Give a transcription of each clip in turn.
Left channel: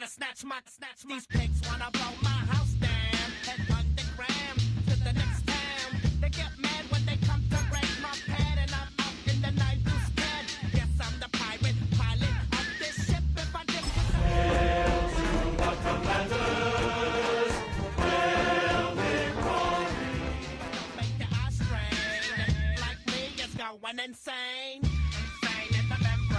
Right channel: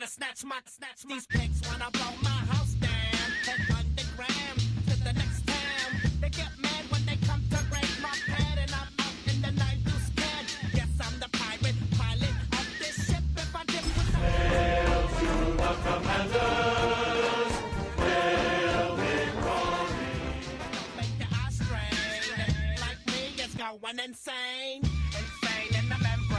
try to snatch these pigs wanna roll my house down. Head underground to the next town. They get mad when they come to raid my pad, and I'm out in the night who's scared. Yes, I'm the pirate pilot of this ship. If I dip with the hail to the commanders, hail victory. Don't make the eye strain. Like me is going insane. Insane in the membrane.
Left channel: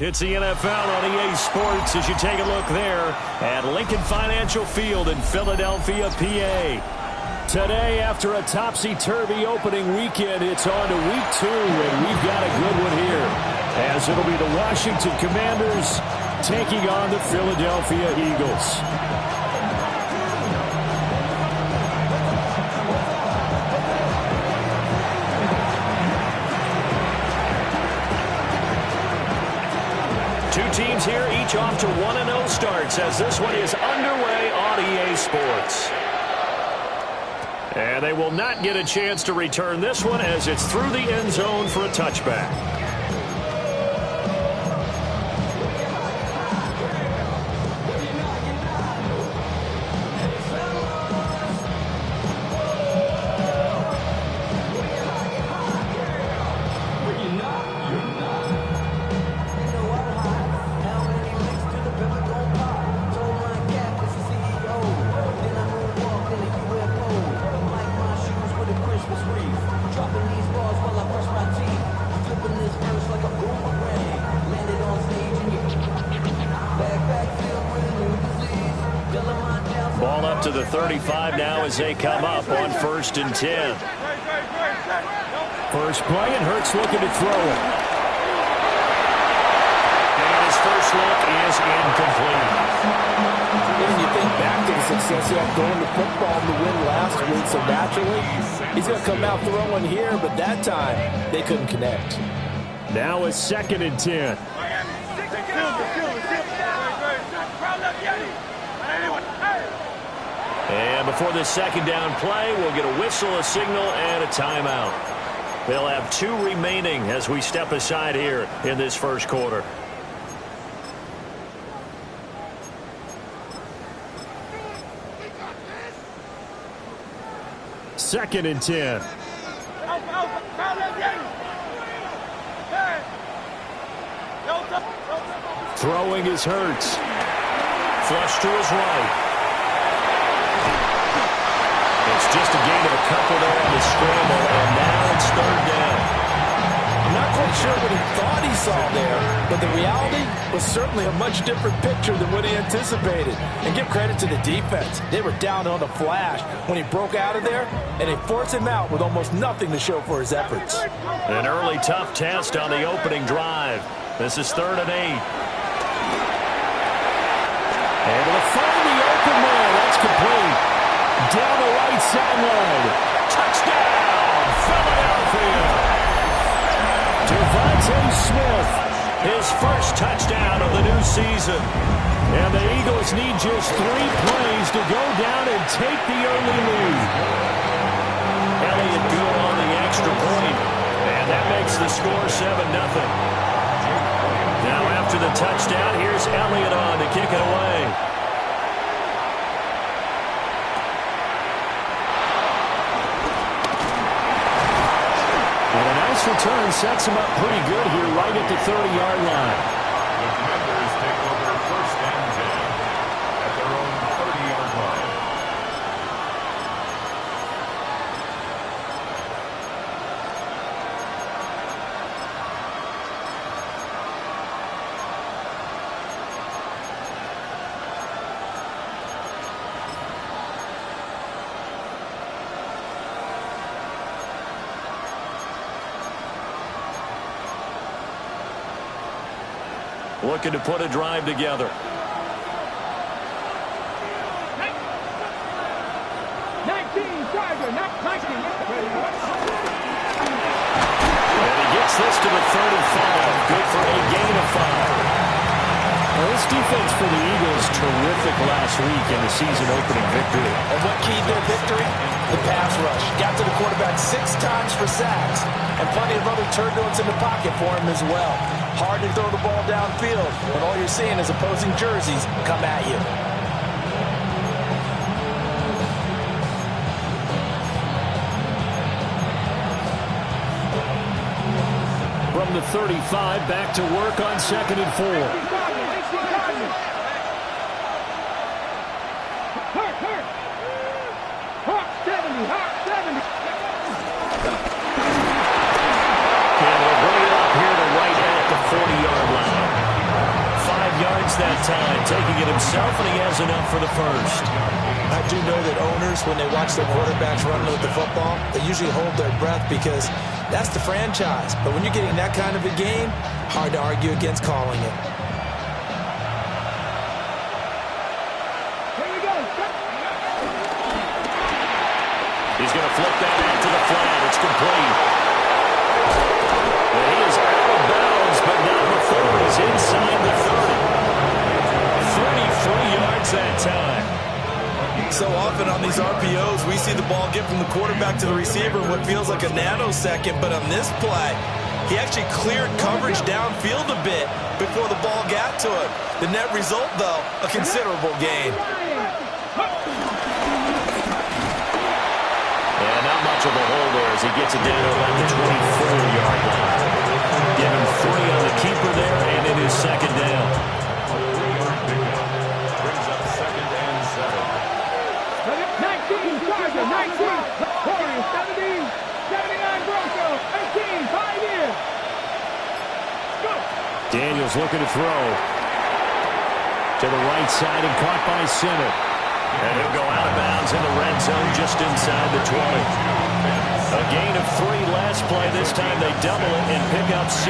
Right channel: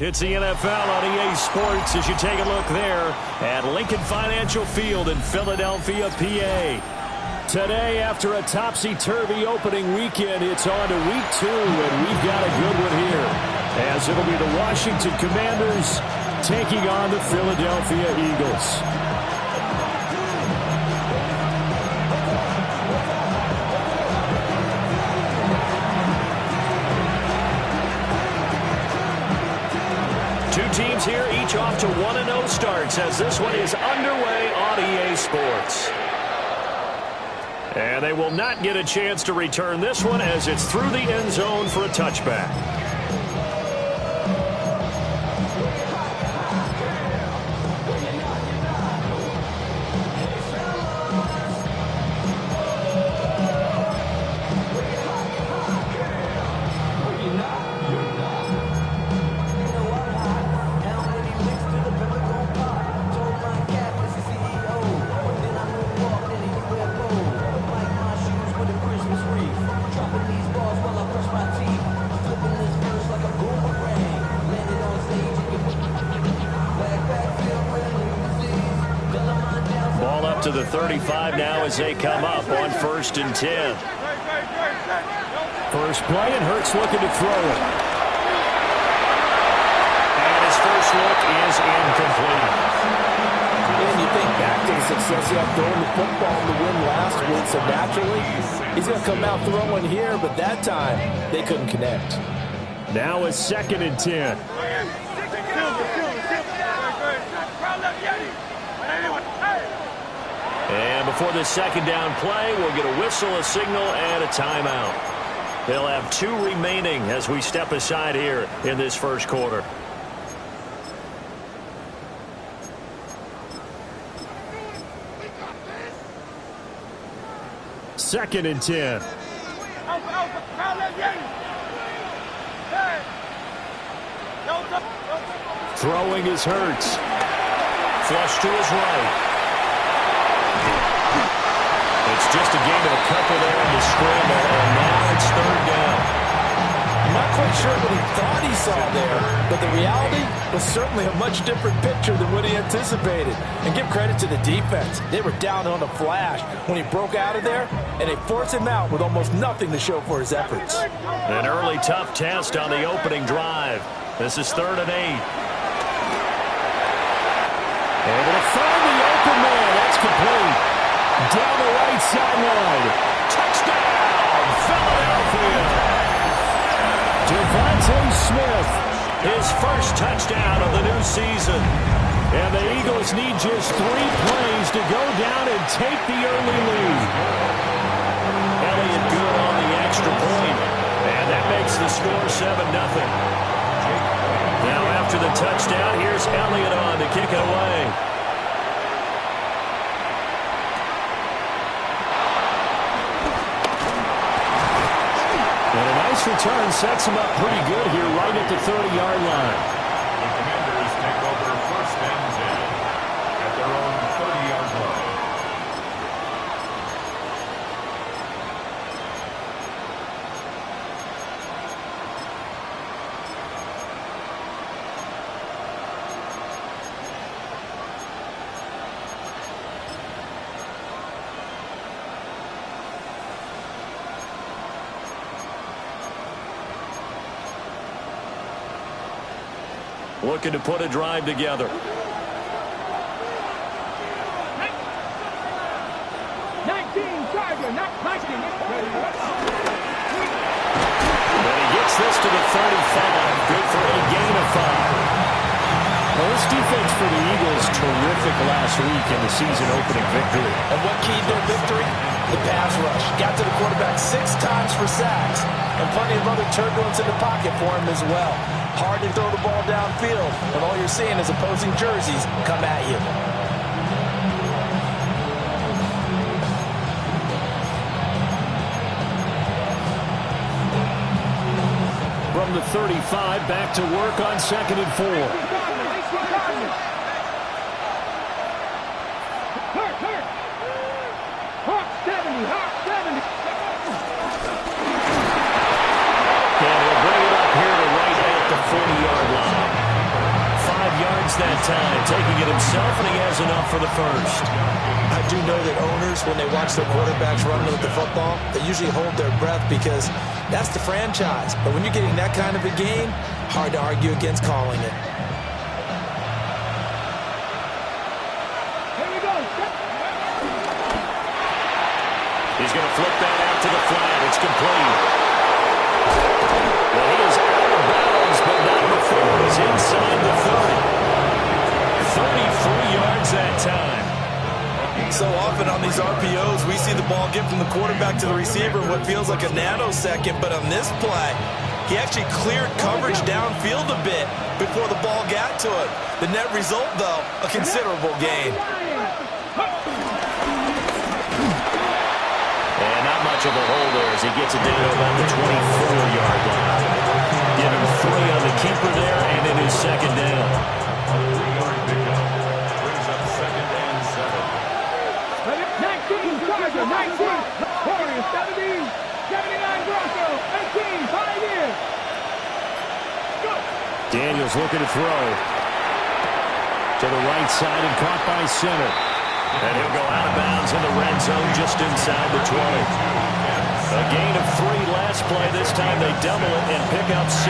It's the NFL on EA Sports as you take a look there at Lincoln Financial Field in Philadelphia, PA. Today, after a topsy-turvy opening weekend, it's on to week 2, and we've got a good one here, as it'll be the Washington Commanders taking on the Philadelphia Eagles. Two teams here, each off to 1-0 starts as this one is underway on EA Sports. And they will not get a chance to return this one as it's through the end zone for a touchback. Ball up to the 35 now as they come up on 1st and 10. First play, and Hurts looking to throw it. And his first look is incomplete. And you think back to the success he had throwing the football to win last week, so naturally he's going to come out throwing here, but that time they couldn't connect. Now it's 2nd and 10. And before this second down play, we'll get a whistle, a signal, and a timeout. They'll have 2 remaining as we step aside here in this first quarter. Second and 10. Throwing is Hurts. Flush to his right. It's just a gain of a couple there on the scramble, and now it's 3rd down. I'm not quite sure what he thought he saw there, but the reality was certainly a much different picture than what he anticipated. And give credit to the defense. They were down on the flash when he broke out of there, and they forced him out with almost nothing to show for his efforts. An early tough test on the opening drive. This is 3rd and 8. Able to find the open man. That's complete. Down the right sideline. Touchdown, Philadelphia. Devontae Smith, his first touchdown of the new season. And the Eagles need just 3 plays to go down and take the early lead. Elliott good on the extra point, and that makes the score 7-0. Now after the touchdown, here's Elliott on to kick it away. And a nice return sets him up pretty good here right at the 30-yard line. The Commanders take over 1st and 10 at their own 30-yard line. Looking to put a drive together. 19 Tiger, not 19. And he gets this to the 35. Good for a gain of 5. Well, this defense for the Eagles, terrific last week in the season opening victory. And what keyed their victory? The pass rush. Got to the quarterback 6 times for sacks, and plenty of other turbulence in the pocket for him as well. Hard to throw the ball downfield when all you're seeing is opposing jerseys come at you. From the 35, back to work on 2nd and 4. And he'll bring it up here to right at the 40-yard line. 5 yards that time, taking it himself, and he has enough for the first. I do know that owners, when they watch their quarterbacks running with the football, they usually hold their breath because that's the franchise. But when you're getting that kind of a game, hard to argue against calling it. Here we go. He's going to flip that out to the flat. It's complete. And he is out of bounds, but not before he's inside the 30. 33 yards that time. So often on these RPOs, we see the ball get from the quarterback to the receiver in what feels like a nanosecond. But on this play, he actually cleared coverage downfield a bit before the ball got to him. The net result, though, a considerable gain. And not much of a hole there as he gets it down to about the 24-yard line. Give him 3 on the keeper there, and it is 2nd down. A 3-yard pickup brings up 2nd and 7. 19, Charger, 19, Warriors, 70, 79, Broncos, 18, 5 years. Go. Daniels looking to throw. To the right side and caught by center. And he'll go out of bounds in the red zone just inside the 20. A gain of 3 last play. This time they double it and pick up 6.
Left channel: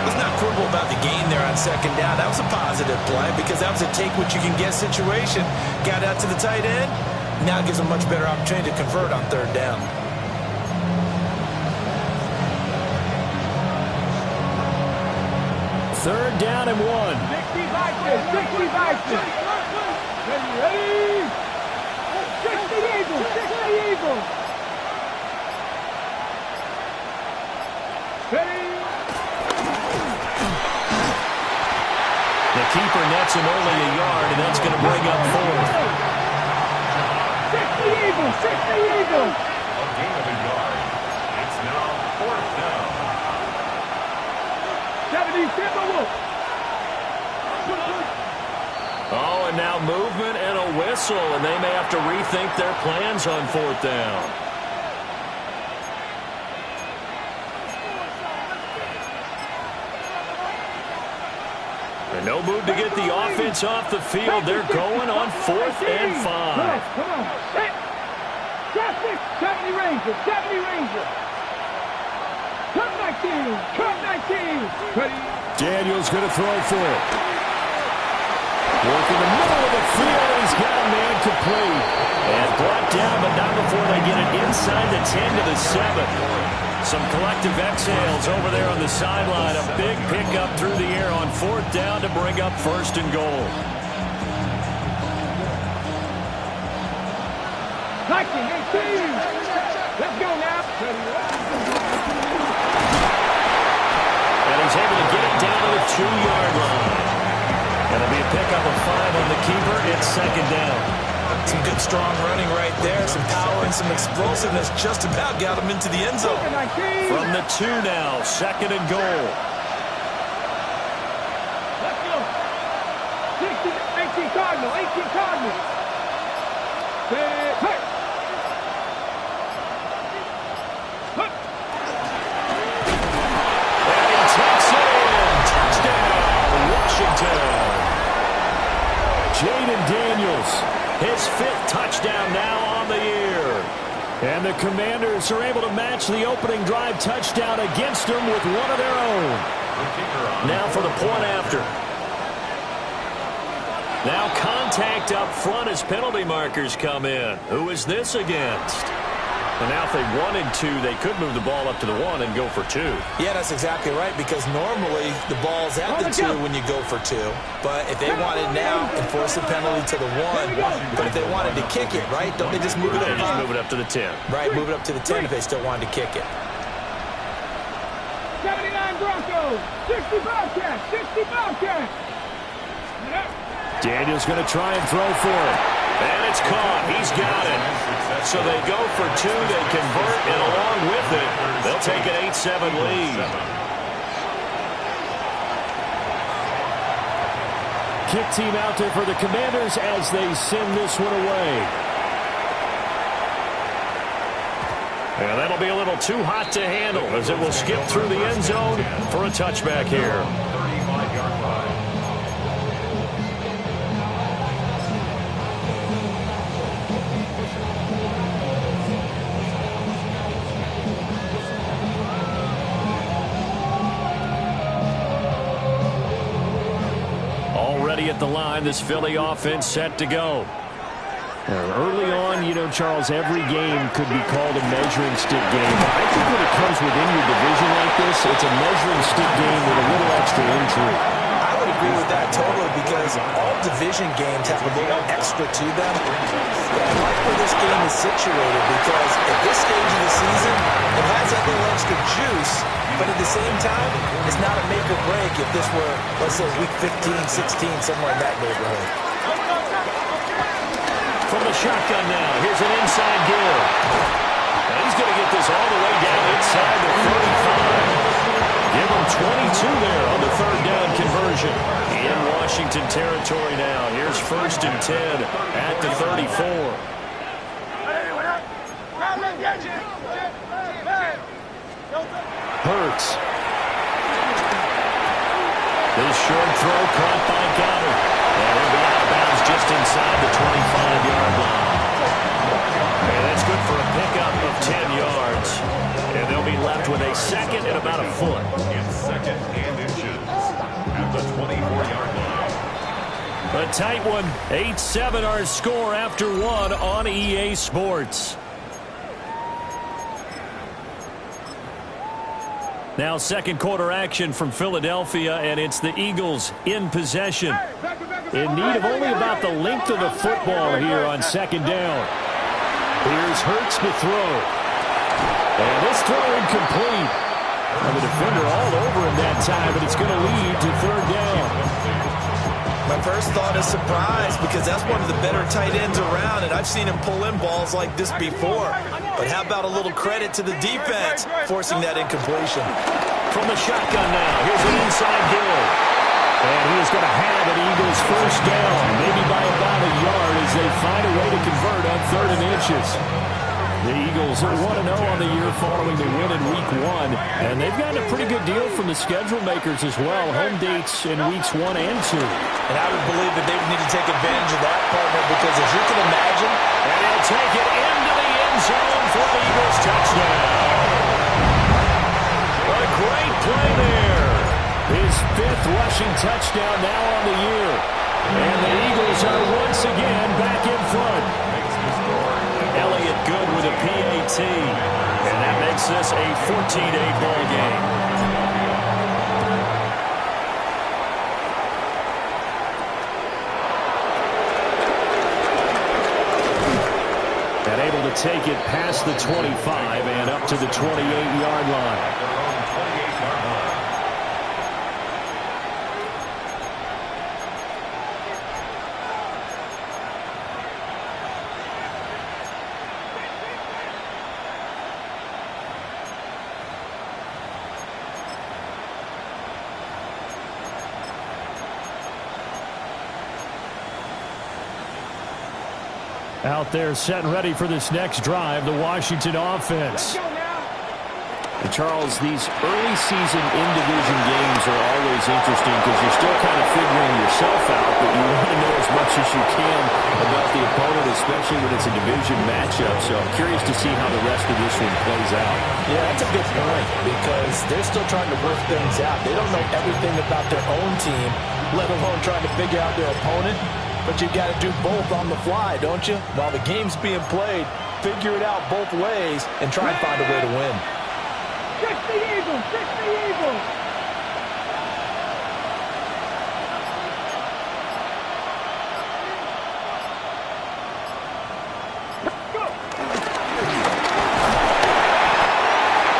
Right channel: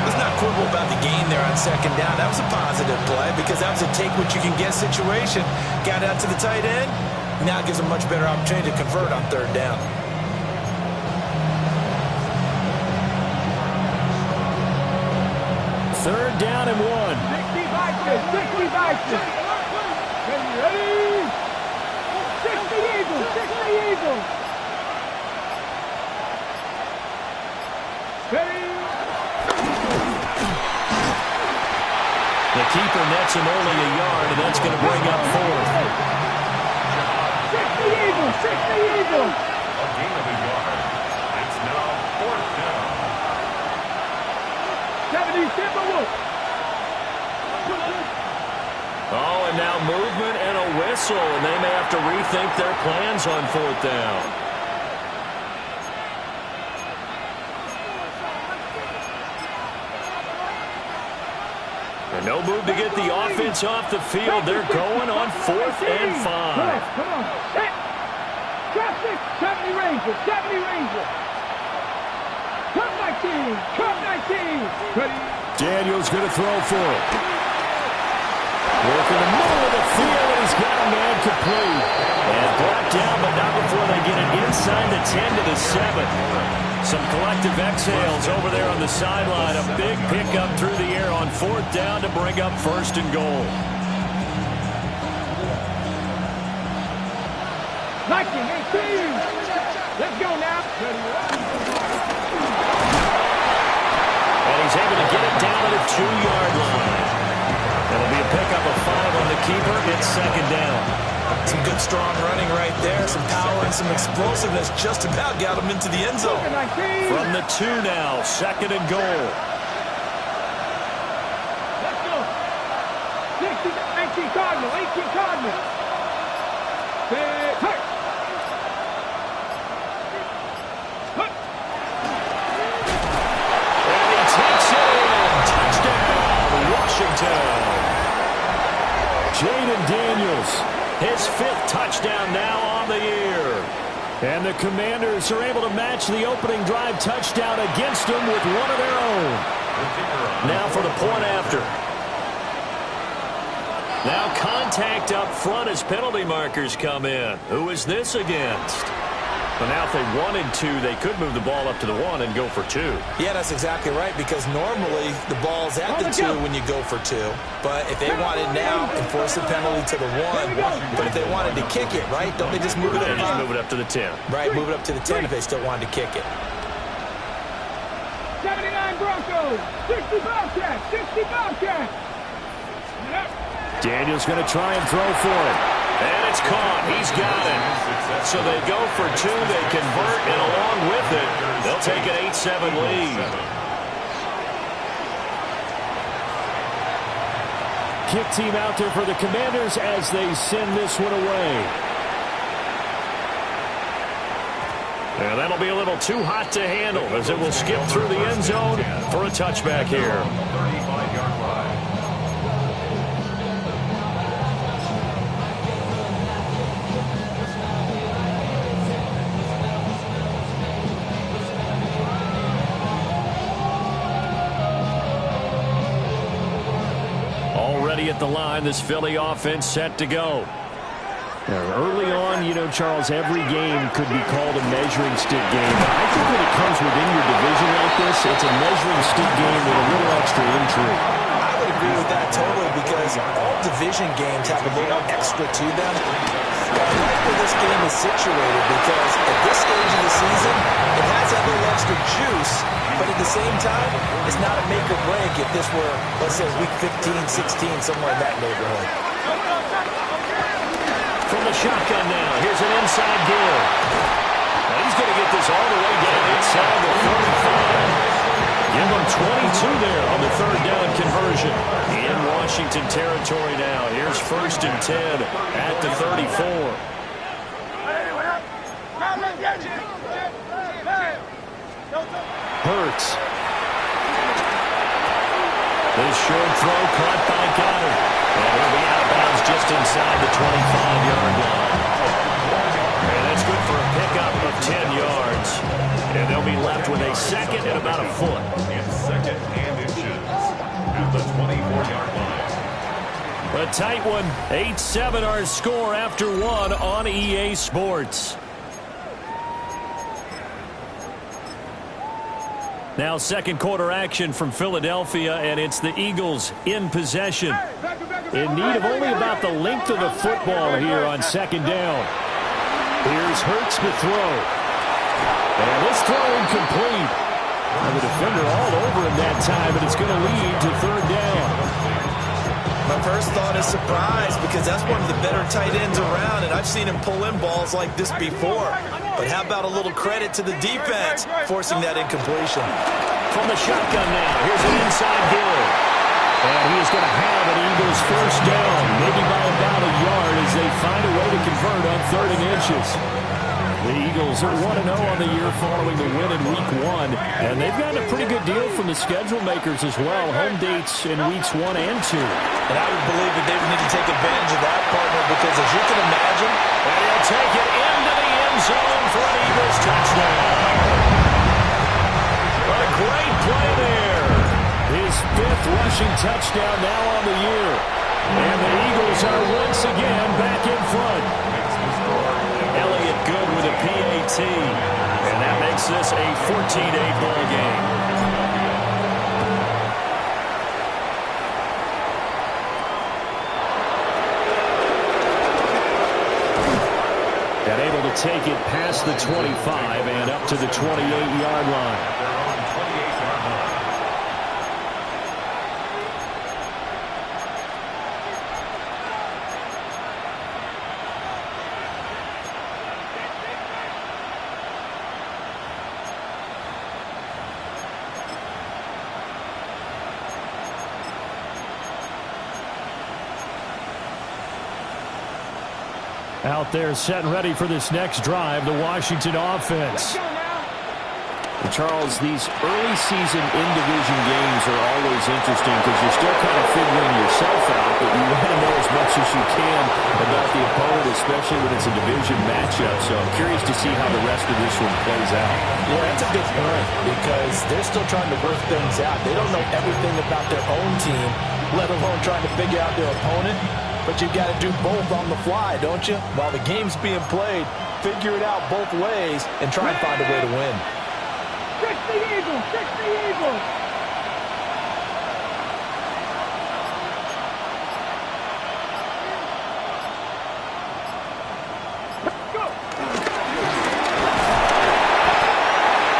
Let's not quibble about the gain there on 2nd down. That was a positive play because that was a take-what-you-can-get situation. Got out to the tight end. Now gives a much better opportunity to convert on 3rd down. Third down and 1. 60 Vikings, 60 Vikings. Ready? 60 Eagles, 60 Eagles. Ready? The keeper nets him only a yard, and that's going to bring up 4th. 60 Eagles, 60 Eagles. A gain of a yard. It's now 4th down. 70 Timberwolves. Oh, and now movement and a whistle, and they may have to rethink their plans on 4th down. And no move to get the offense off the field. They're going on 4th and 5. Come on. Set. Traffic. 70 Rangers. 70 Rangers. Cup 19. Cup 19. Ready. Daniels going to throw for it. Work in the middle of the field, and he's got a man complete. And brought down, but not before they get it inside the 10 to the 7. Some collective exhales over there on the sideline. A big pickup through the air on 4th down to bring up 1st and goal. 19, 18. Let's go now. And he's able to get it down to the 2-yard line. It'll be a pickup of 5 on the keeper. It's 2nd down. Some good, strong running right there. Some power and some explosiveness just about got him into the end zone. From the 2 now, 2nd and goal. Let's go. 60, 18 Cardinal, 18 Cardinal. Hey. And he takes it in. Touchdown, Washington. Jaden Daniels, his 5th touchdown now on the year. And the Commanders are able to match the opening drive touchdown against them with one of their own. Now for the point after. Now contact up front as penalty markers come in. Who is this against? But now if they wanted to, they could move the ball up to the 1 and go for 2. Yeah, that's exactly right, because normally the ball's at the 2 when you go for 2. But if they wanted now, enforce a penalty to the 1. But if they wanted to kick it, right, don't they just move it up? They just move it up to the 10. Right, move it up to the 10 if they still wanted to kick it. 79 Broncos, 60 Bobcats, 60 Bobcats. Daniel's going to try and throw for it. And it's caught. He's got it. So they go for 2. They convert, and along with it, they'll take an 8-7 lead. Kick team out there for the Commanders as they send this one away. And that'll be a little too hot to handle as it will skip through the end zone for a touchback here. 35-yard line. Already at the line, this Philly offense set to go. Early on, you know, Charles, every game could be called a measuring stick game. But I think when it comes within your division like this, it's a measuring stick game with a little extra intrigue. I would agree with that totally, because all division games have a little extra to them. But I like where this game is situated, because at this stage of the season, it has that little extra juice. But at the same time, it's not a make or break if this were, let's say, week 15, 16, somewhere in that neighborhood. From the shotgun now, here's an inside give. Now he's going to get this all the way down inside the 35. Give him 22 there on the third down conversion. In Washington territory now. Here's 1st and 10 at the 34. Hurts. This short throw caught by Goddard. And he'll be out of bounds just inside the 25-yard line. And that's good for a pickup of 10 yards. And they'll be left with a second and about a foot. It's 2nd and inches at the 24-yard line. A tight one. 8-7 our score after 1 on EA Sports. Now second quarter action from Philadelphia, and it's the Eagles in possession. In need of only about the length of the football here on 2nd down. Here's Hurts to throw. And this throw incomplete. And the defender all over him that time, but it's going to lead to 3rd down. My first thought is surprise, because that's one of the better tight ends around, and I've seen him pull in balls like this before. But how about a little credit to the defense forcing that incompletion? From the shotgun now, here's an inside give. And he is going to have an Eagles 1st down, maybe by about a yard as they find a way to convert on 3rd and inches. The Eagles are 1-0 on the year following the win in Week 1, and they've gotten a pretty good deal from the schedule makers as well. Home dates in Weeks 1 and 2. And I would believe that they would need to take advantage of that, partner, because as you can imagine... And he'll take it into the end zone for an Eagles touchdown. A great play there. His 5th rushing touchdown now on the year. And the Eagles are once again back in front. Elliott good with a PAT. And that makes this a 14-8 ball game. And able to take it past the 25 and up to the 28-yard line. At their own 28-yard line. Out there set and ready for this next drive, the Washington offense. And Charles, these early season in-division games are always interesting because you're still kind of figuring yourself out, but you want to know as much as you can about the opponent, especially when it's a division matchup. So I'm curious to see how the rest of this one plays out. Yeah, that's a good point, because they're still trying to work things out. They don't know everything about their own team, let alone trying to figure out their opponent. But you've got to do both on the fly, don't you? While the game's being played, figure it out both ways and try and find a way to win. 60 Eagles, 60 Eagles. Go.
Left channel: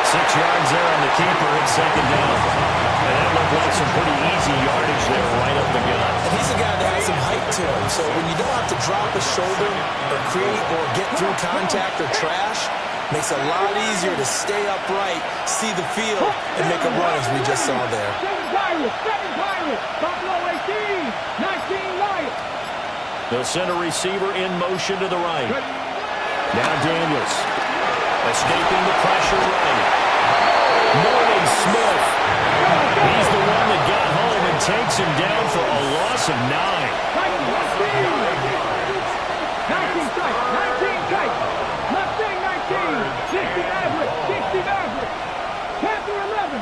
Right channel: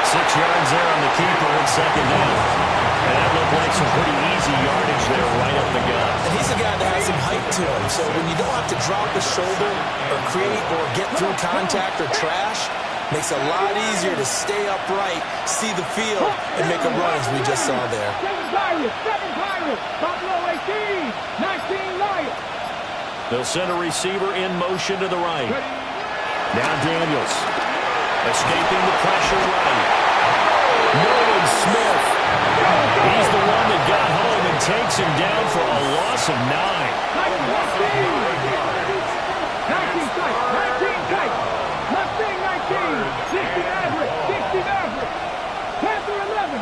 6 yards there on the keeper at second down. And that looked like some pretty easy yardage there right up the gut. And he's a guy that has some height to him, so when you don't have to drop a shoulder or create or get through contact or trash, makes it a lot easier to stay upright, see the field, and make a run as we just saw there. 7 Pirates, Buffalo 18, 19 Lions. They'll send a receiver in motion to the right. Now Daniels, escaping the pressure right. Nolan Smith. He's the one that got home and takes him down for a loss of 9. 19 tight. Mustang 19. 60 Maverick. 60 Maverick. Panther 11.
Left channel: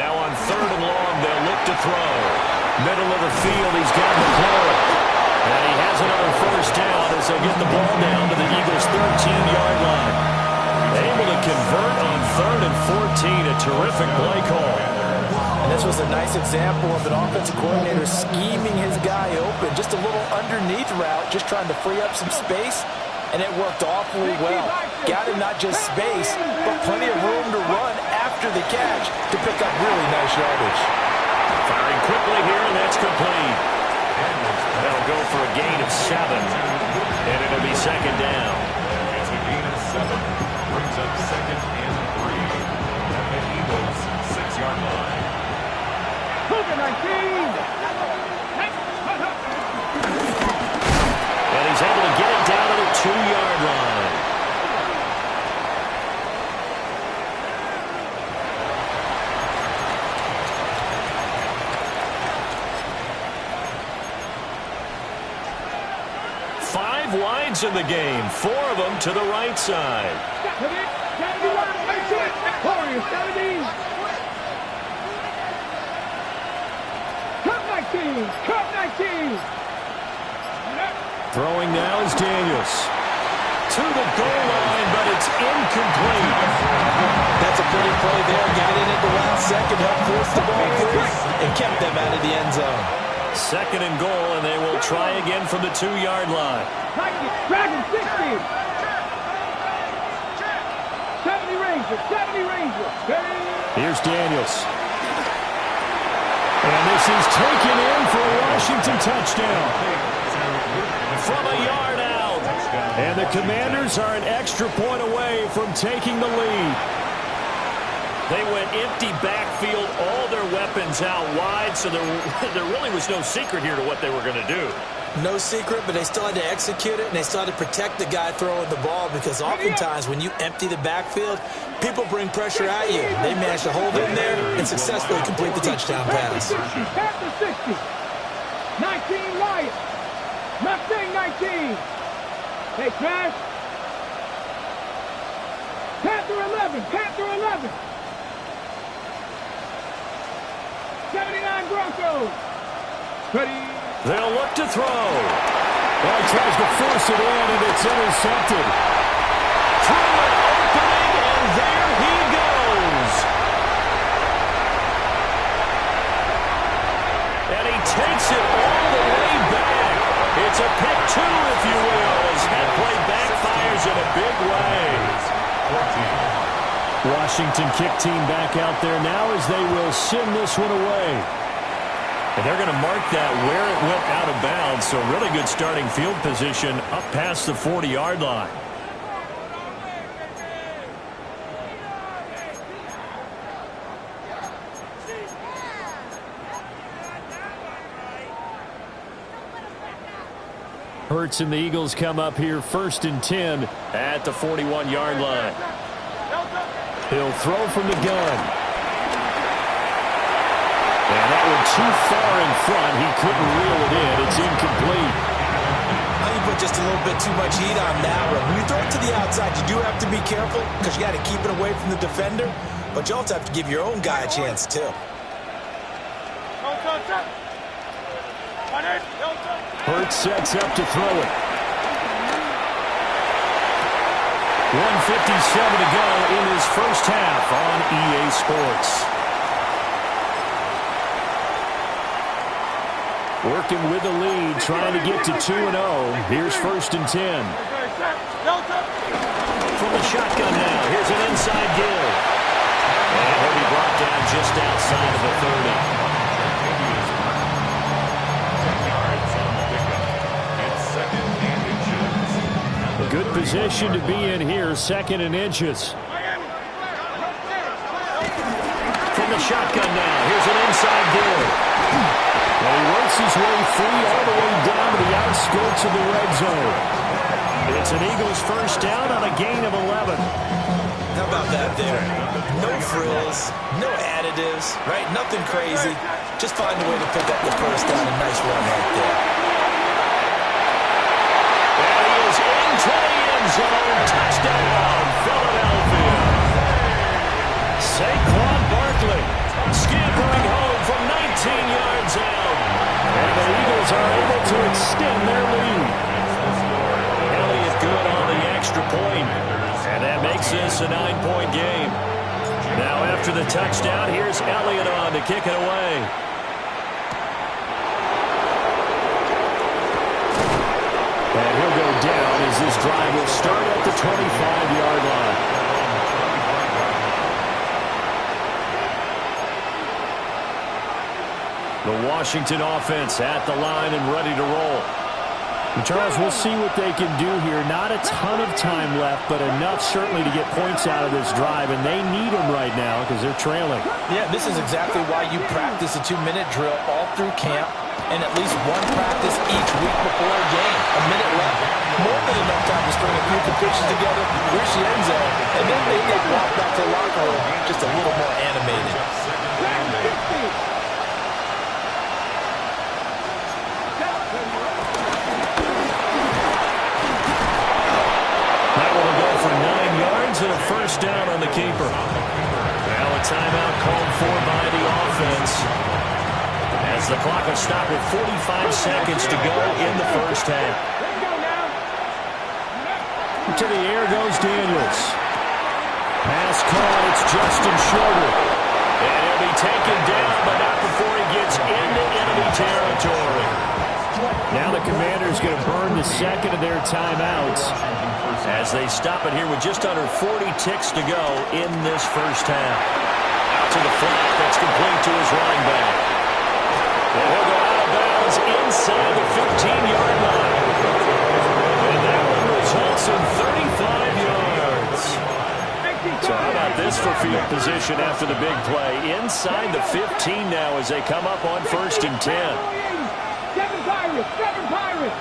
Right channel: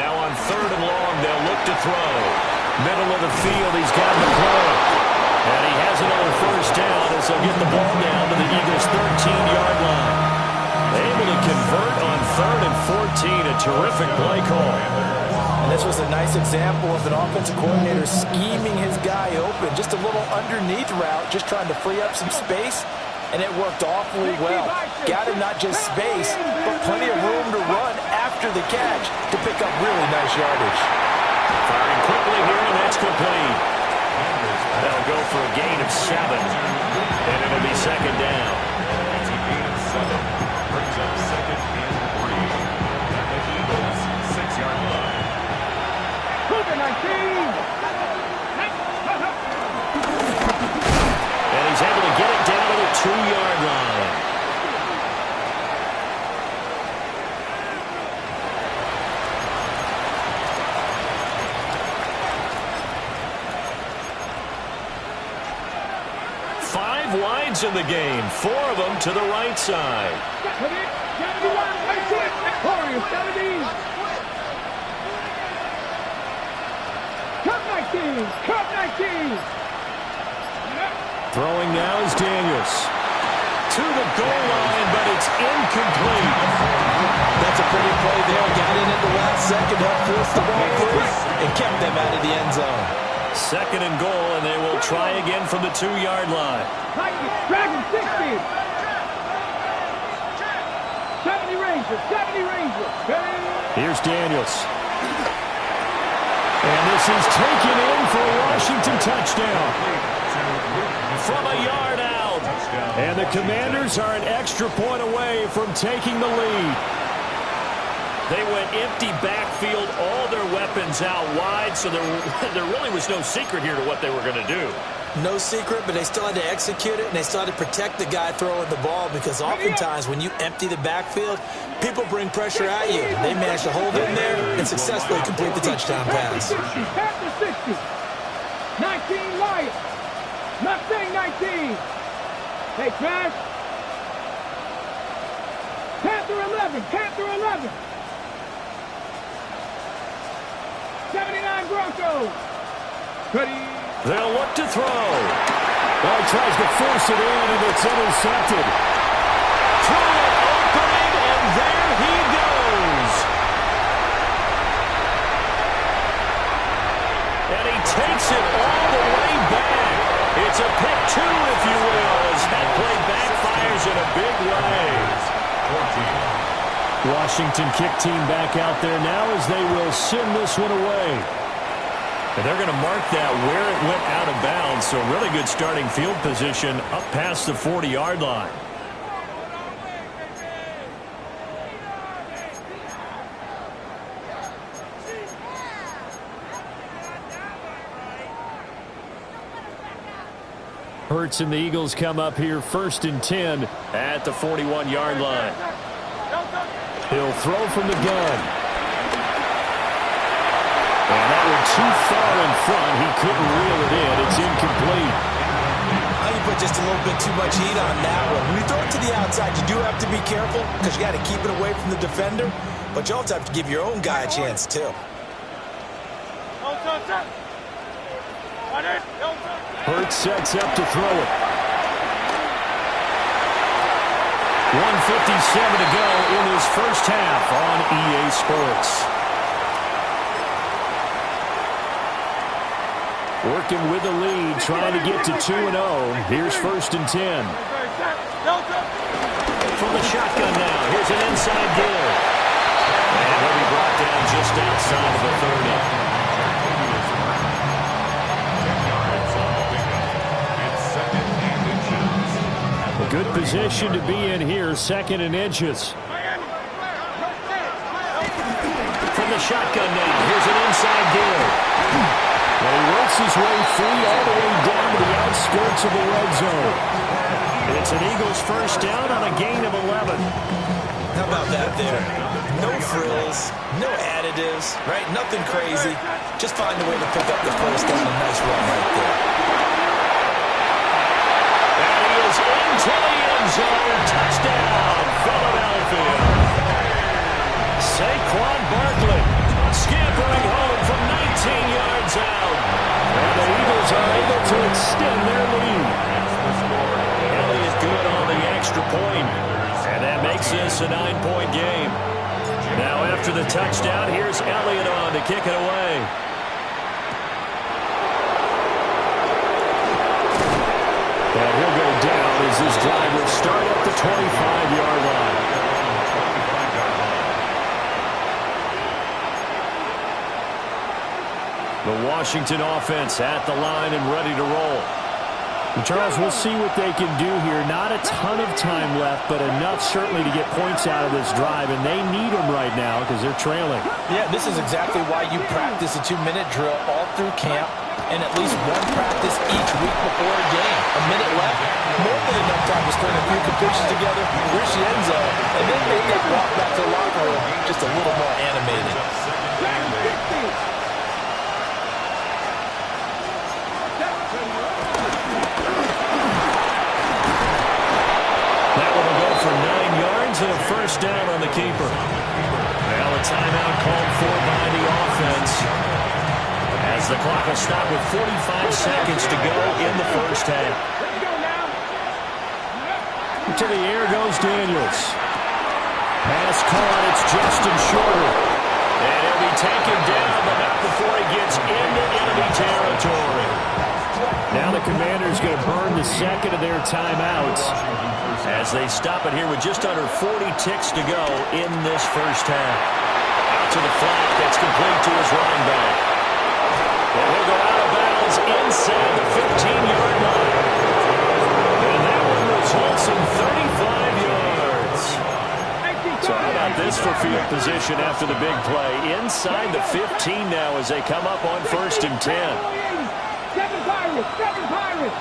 Now on 3rd and long, they'll look to throw. Middle of the field, he's got McLaurin. And he has another first down as they'll get the ball down to the Eagles' 13-yard line. Able to convert on 3rd and 14. A terrific play call. And this was a nice example of an offensive coordinator scheming his guy open. Just a little underneath route, just trying to free up some space. And it worked awfully well. Got him not just space, but plenty of room to run after the catch to pick up really nice yardage. Firing quickly here, and that's complete. That'll go for a gain of 7. And it'll be second down. It's a gain of 7. Brings up 2nd and 3 at the Eagles' 6-yard line. Cougar 19. And he's able to get it down to the 2-yard line. Five wides in the game, 4 of them to the right side. Warriors 70. Cup 19. Throwing now is Daniels. To the goal line, but it's incomplete. That's a pretty play there. Got in at the last second, helped force the ball free, and kept them out of the end zone. 2nd and goal, and they will try again from the 2-yard line. Dragon 60. 70 Rangers. Here's Daniels. And this is taken in for a Washington touchdown. From a yard out. And the Commanders are an extra point away from taking the lead. They went empty backfield, all their weapons out wide, so there really was no secret here to what they were going to do. No secret, but they still had to execute it, and they still had to protect the guy throwing the ball, because oftentimes when you empty the backfield, people bring pressure at you. They managed to hold in there and successfully complete the touchdown pass. Panther 60. 19 Lions. Mustang 19. Hey, Trash. Panther 11. 79 Broncos. Ready. They'll look to throw. Well, he tries to force it in, and it's intercepted. Through an opening, and there he goes. And he takes it all the way back. It's a pick 2, if you will, as that play backfires in a big way. Washington kick team back out there now as they will send this one away. And they're going to mark that where it went out of bounds. So really good starting field position up past the 40-yard line. Hurts and the Eagles come up here 1st and 10 at the 41-yard line. He'll throw from the gun. And that one too far in front. He couldn't reel it in. It's incomplete. You put just a little bit too much heat on that one. When you throw it to the outside, you do have to be careful because you got to keep it away from the defender. But you also have to give your own guy a chance, too. Hurts sets up to throw it. 1:57 to go in this first half on EA Sports. Working with the lead, trying to get to 2-0. Here's 1st and 10. From the shotgun now, here's an inside give. And he'll be brought down just outside of the 30. 10 yards on the pickup. It's 2nd and inches. A good position to be in here, 2nd and inches. From the shotgun now, here's an inside give. And he works his way free all the way down to the outskirts of the red zone. It's an Eagles first down on a gain of 11. How about that there? No frills, no additives, right? Nothing crazy. Just find a way to pick up the first down. A nice run right there. And he is into the end zone. Touchdown, Philadelphia. Saquon Barkley scampering home from 19 yards out. And the Eagles are able to extend their lead. Elliott good on the extra point. And that makes this a 9-point game. Now after the touchdown, here's Elliott on to kick it away. And he'll go down as this drive will start at the 25-yard line. The Washington offense at the line and ready to roll. And Charles, we'll see what they can do here. Not a ton of time left, but enough certainly to get points out of this drive, and they need them right now because they're trailing. Yeah, this is exactly why you practice a 2-minute drill all through camp and at least one practice each week before a game. A minute left, more than enough time to string a few completions together, reach the end zone, and then make that walk back to the locker room just a little more animated. That one will go for 9 yards and a first down on the keeper. Now a timeout called for by the offense, as the clock will stop with 45 seconds to go in the first half. To the air goes Daniels. Pass caught, it's Justin Shorter. And he'll be taken down, but not before he gets into enemy territory. Now the Commanders going to burn the second of their timeouts as they stop it here with just under 40 ticks to go in this first half. Out to the flat, that's complete to his running back. And he'll go out of bounds inside the 15-yard line. And that one results in 35 yards. So how about this for field position after the big play? Inside the 15 now as they come up on 1st and 10. 7 Pirates!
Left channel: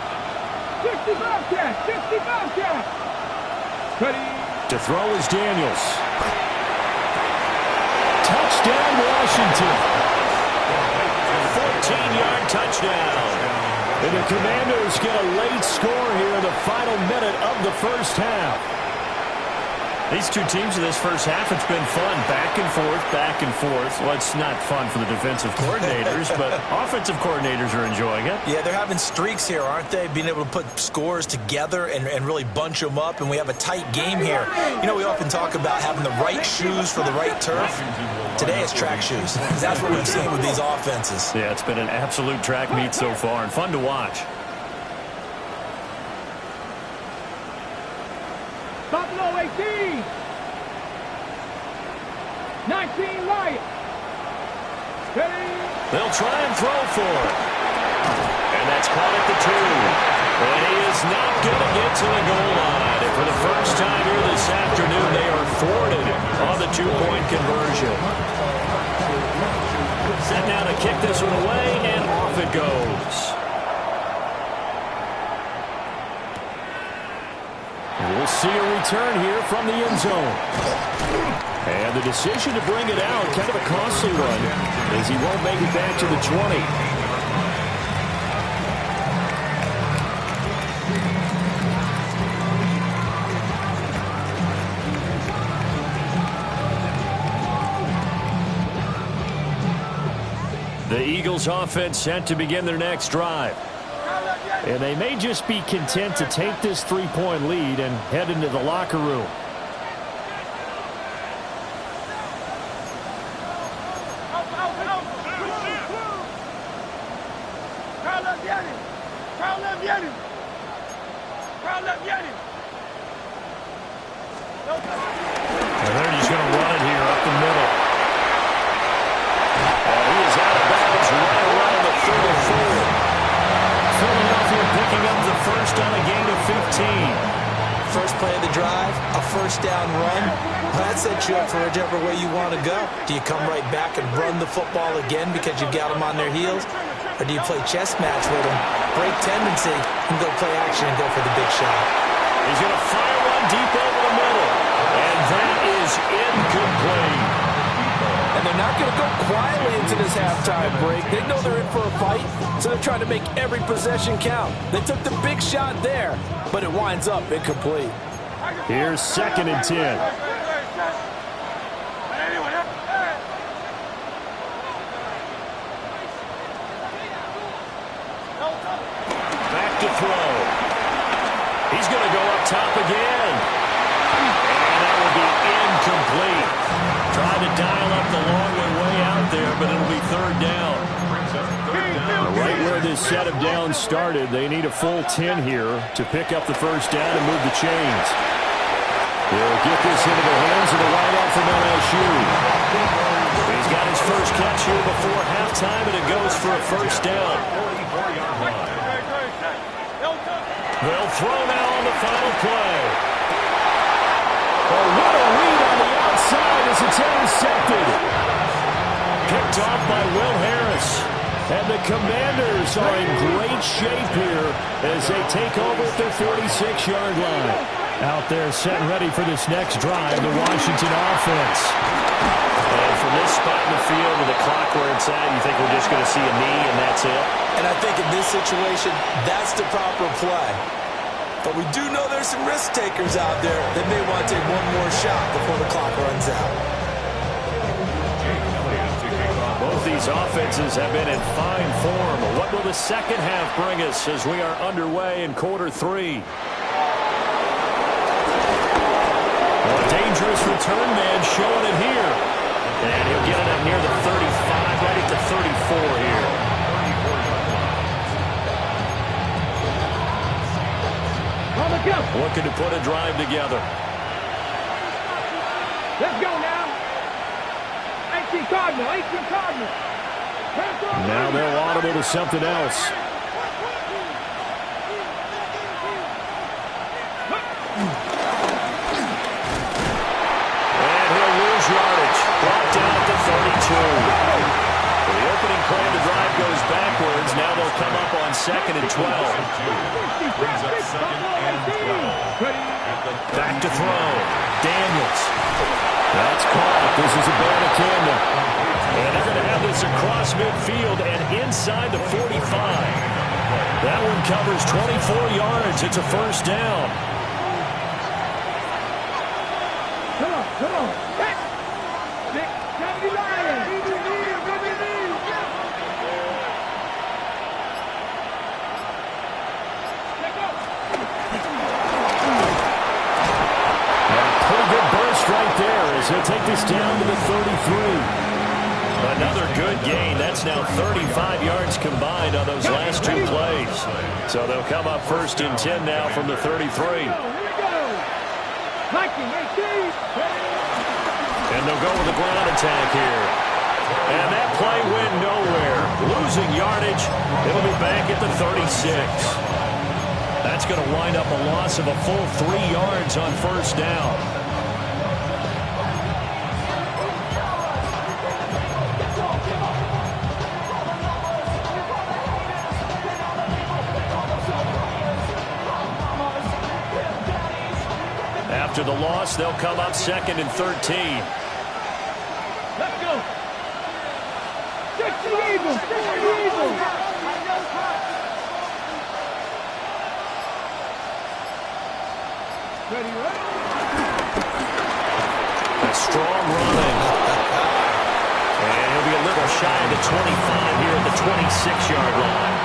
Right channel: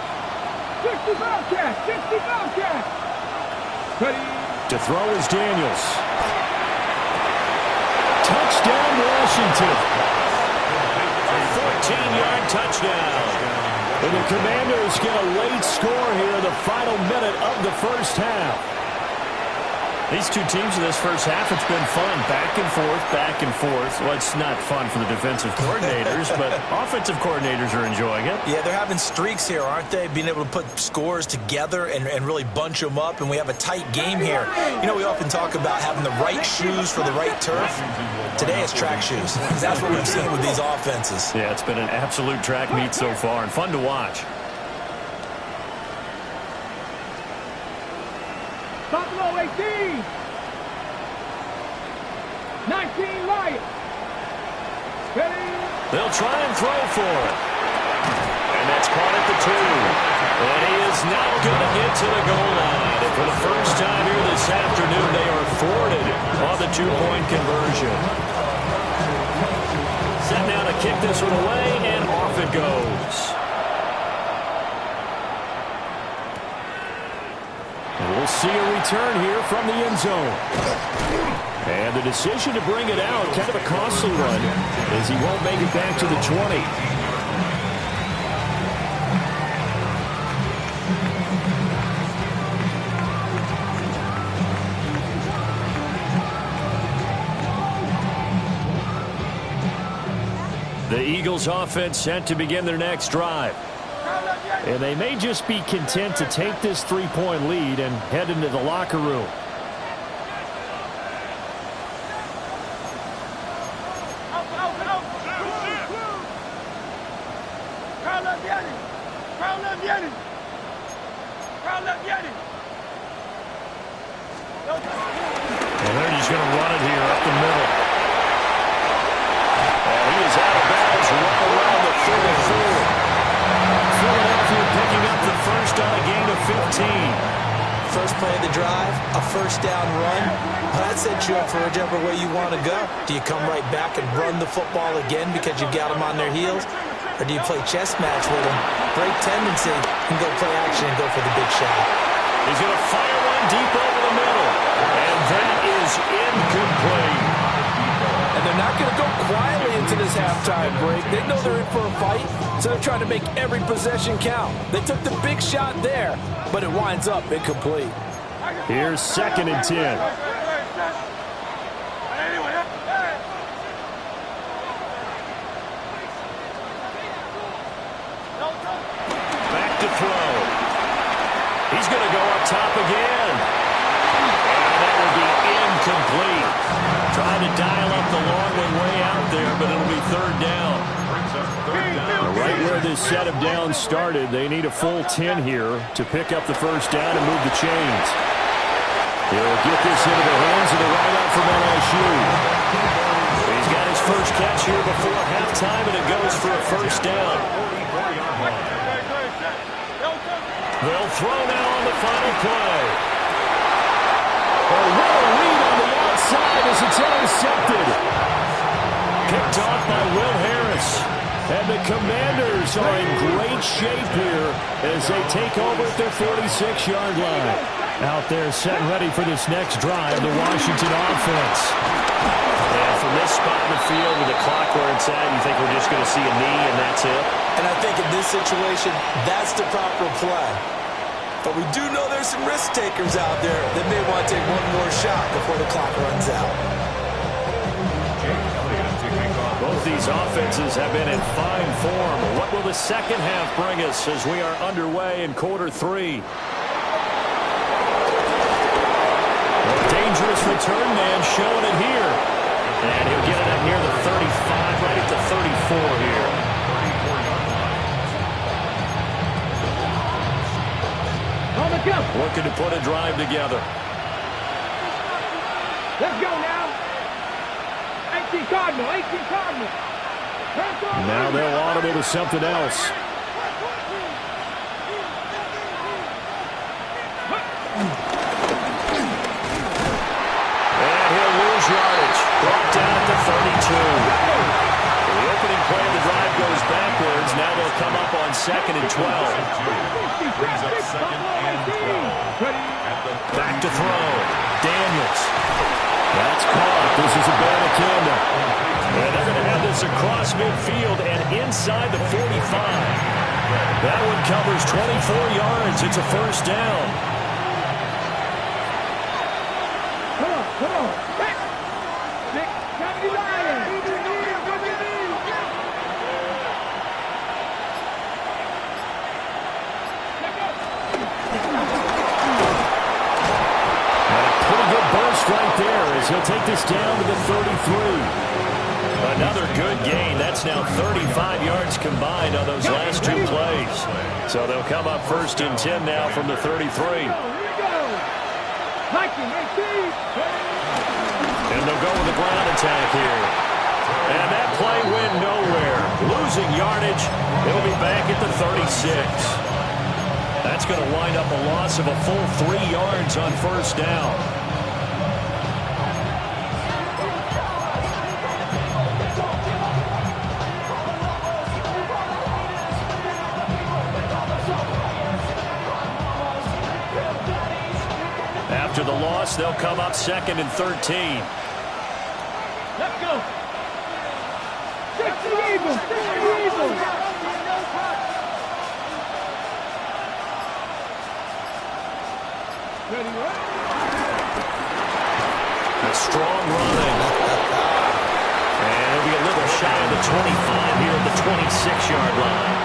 60 Bobcats! 60 Bobcats! To throw is Daniels. Touchdown, Washington. A 14-yard touchdown. And the Commanders get a late score here in the final minute of the first half. These two teams in this first half, it's been fun. Back and forth, back and forth. Well, it's not fun for the defensive coordinators, but offensive coordinators are enjoying it. Yeah, they're having streaks here, aren't they? Being able to put scores together and really bunch them up, and we have a tight game here. You know, we often talk about having the right shoes for the right turf. Today it's track shoes. That's what we've seen with these offenses. Yeah, it's been an absolute track meet so far and fun to watch. Buffalo 18. 19 Lions. They'll try and throw for it. And that's caught at the 2. And he is not going to get to the goal line. And for the first time here this afternoon, they are thwarted on the 2-point conversion. Set now to kick this one away, and off it goes. And we'll see a return here from the end zone. And the decision to bring it out, kind of a costly one, as he won't make it back to the 20. The Eagles offense set to begin their next drive. And they may just be content to take this 3-point lead and head into the locker room. And they're just going to run it here up the middle. And he is out of bounds right around the 34. Philadelphia picking up the first on a gain of 15. First play of the drive, a first down run. That sets you up for whichever way you want to go. Do you come right back and run the football again because you've got them on their heels? Or do you play chess match with them, break tendency, and go play action and go for the big shot? He's going to fire one deep over the middle. And that is incomplete. And they're not going to go quietly into this halftime break. They know they're in for a fight, so they're trying to make every possession count. They took the big shot there, but it winds up incomplete. Here's 2nd and 10. Back to throw. He's going to go up top again. And that will be incomplete. Tried to dial up the long way out there, but it'll be 3rd down. Right where this set of downs started, they need a full 10 here to pick up the first down and move the chains. He'll get this into the hands of the wideout from LSU. He's got his first catch here before halftime, and it goes for a first down. They'll throw now on the final play. Oh, what a read on the outside as it's intercepted. Picked off by Will Harris. And the Commanders are in great shape here as they take over at their 46-yard line. Out there set and ready for this next drive, the Washington offense. And from this spot in the field with the clock where it's at, you think we're just going to see a knee and that's it? And I think in this situation, that's the proper play. But we do know there's some risk takers out there that may want to take one more shot before the clock runs out. Both these offenses have been in fine form. What will the second half bring us as we are underway in quarter 3? Well, a dangerous return man showing it here. And he'll get it up near the 35, right at the 34 here. Looking to put a drive together. Let's go now. 18 Cardinal, 18 Cardinal. Now they'll audible to something else. And he'll lose yardage. Brought down at the 32. The opening play of the drive goes backwards. Now they'll come up on 2nd and 12. Brings up 2nd and 12. Back to throw. Daniels. That's caught. This is a Abanikanda. And they're going to have this across midfield and inside the 45. That one covers 24 yards. It's a first down. Come on, come on. Nick, come to Lion. Pretty good burst right there as he'll take this down to the 33. Another good gain. That's now 35 yards combined on those last 2 plays. So they'll come up 1st and 10 now from the 33. And they'll go with a ground attack here. And that play went nowhere. Losing yardage. It'll be back at the 36. That's going to wind up a loss of a full 3 yards on first down. After the loss, they'll come up 2nd and 13. Let's go. 60 Eagles, 60 Eagles. Ready, ready. A strong running. And he'll be a little shy of the 25 here at the 26-yard line.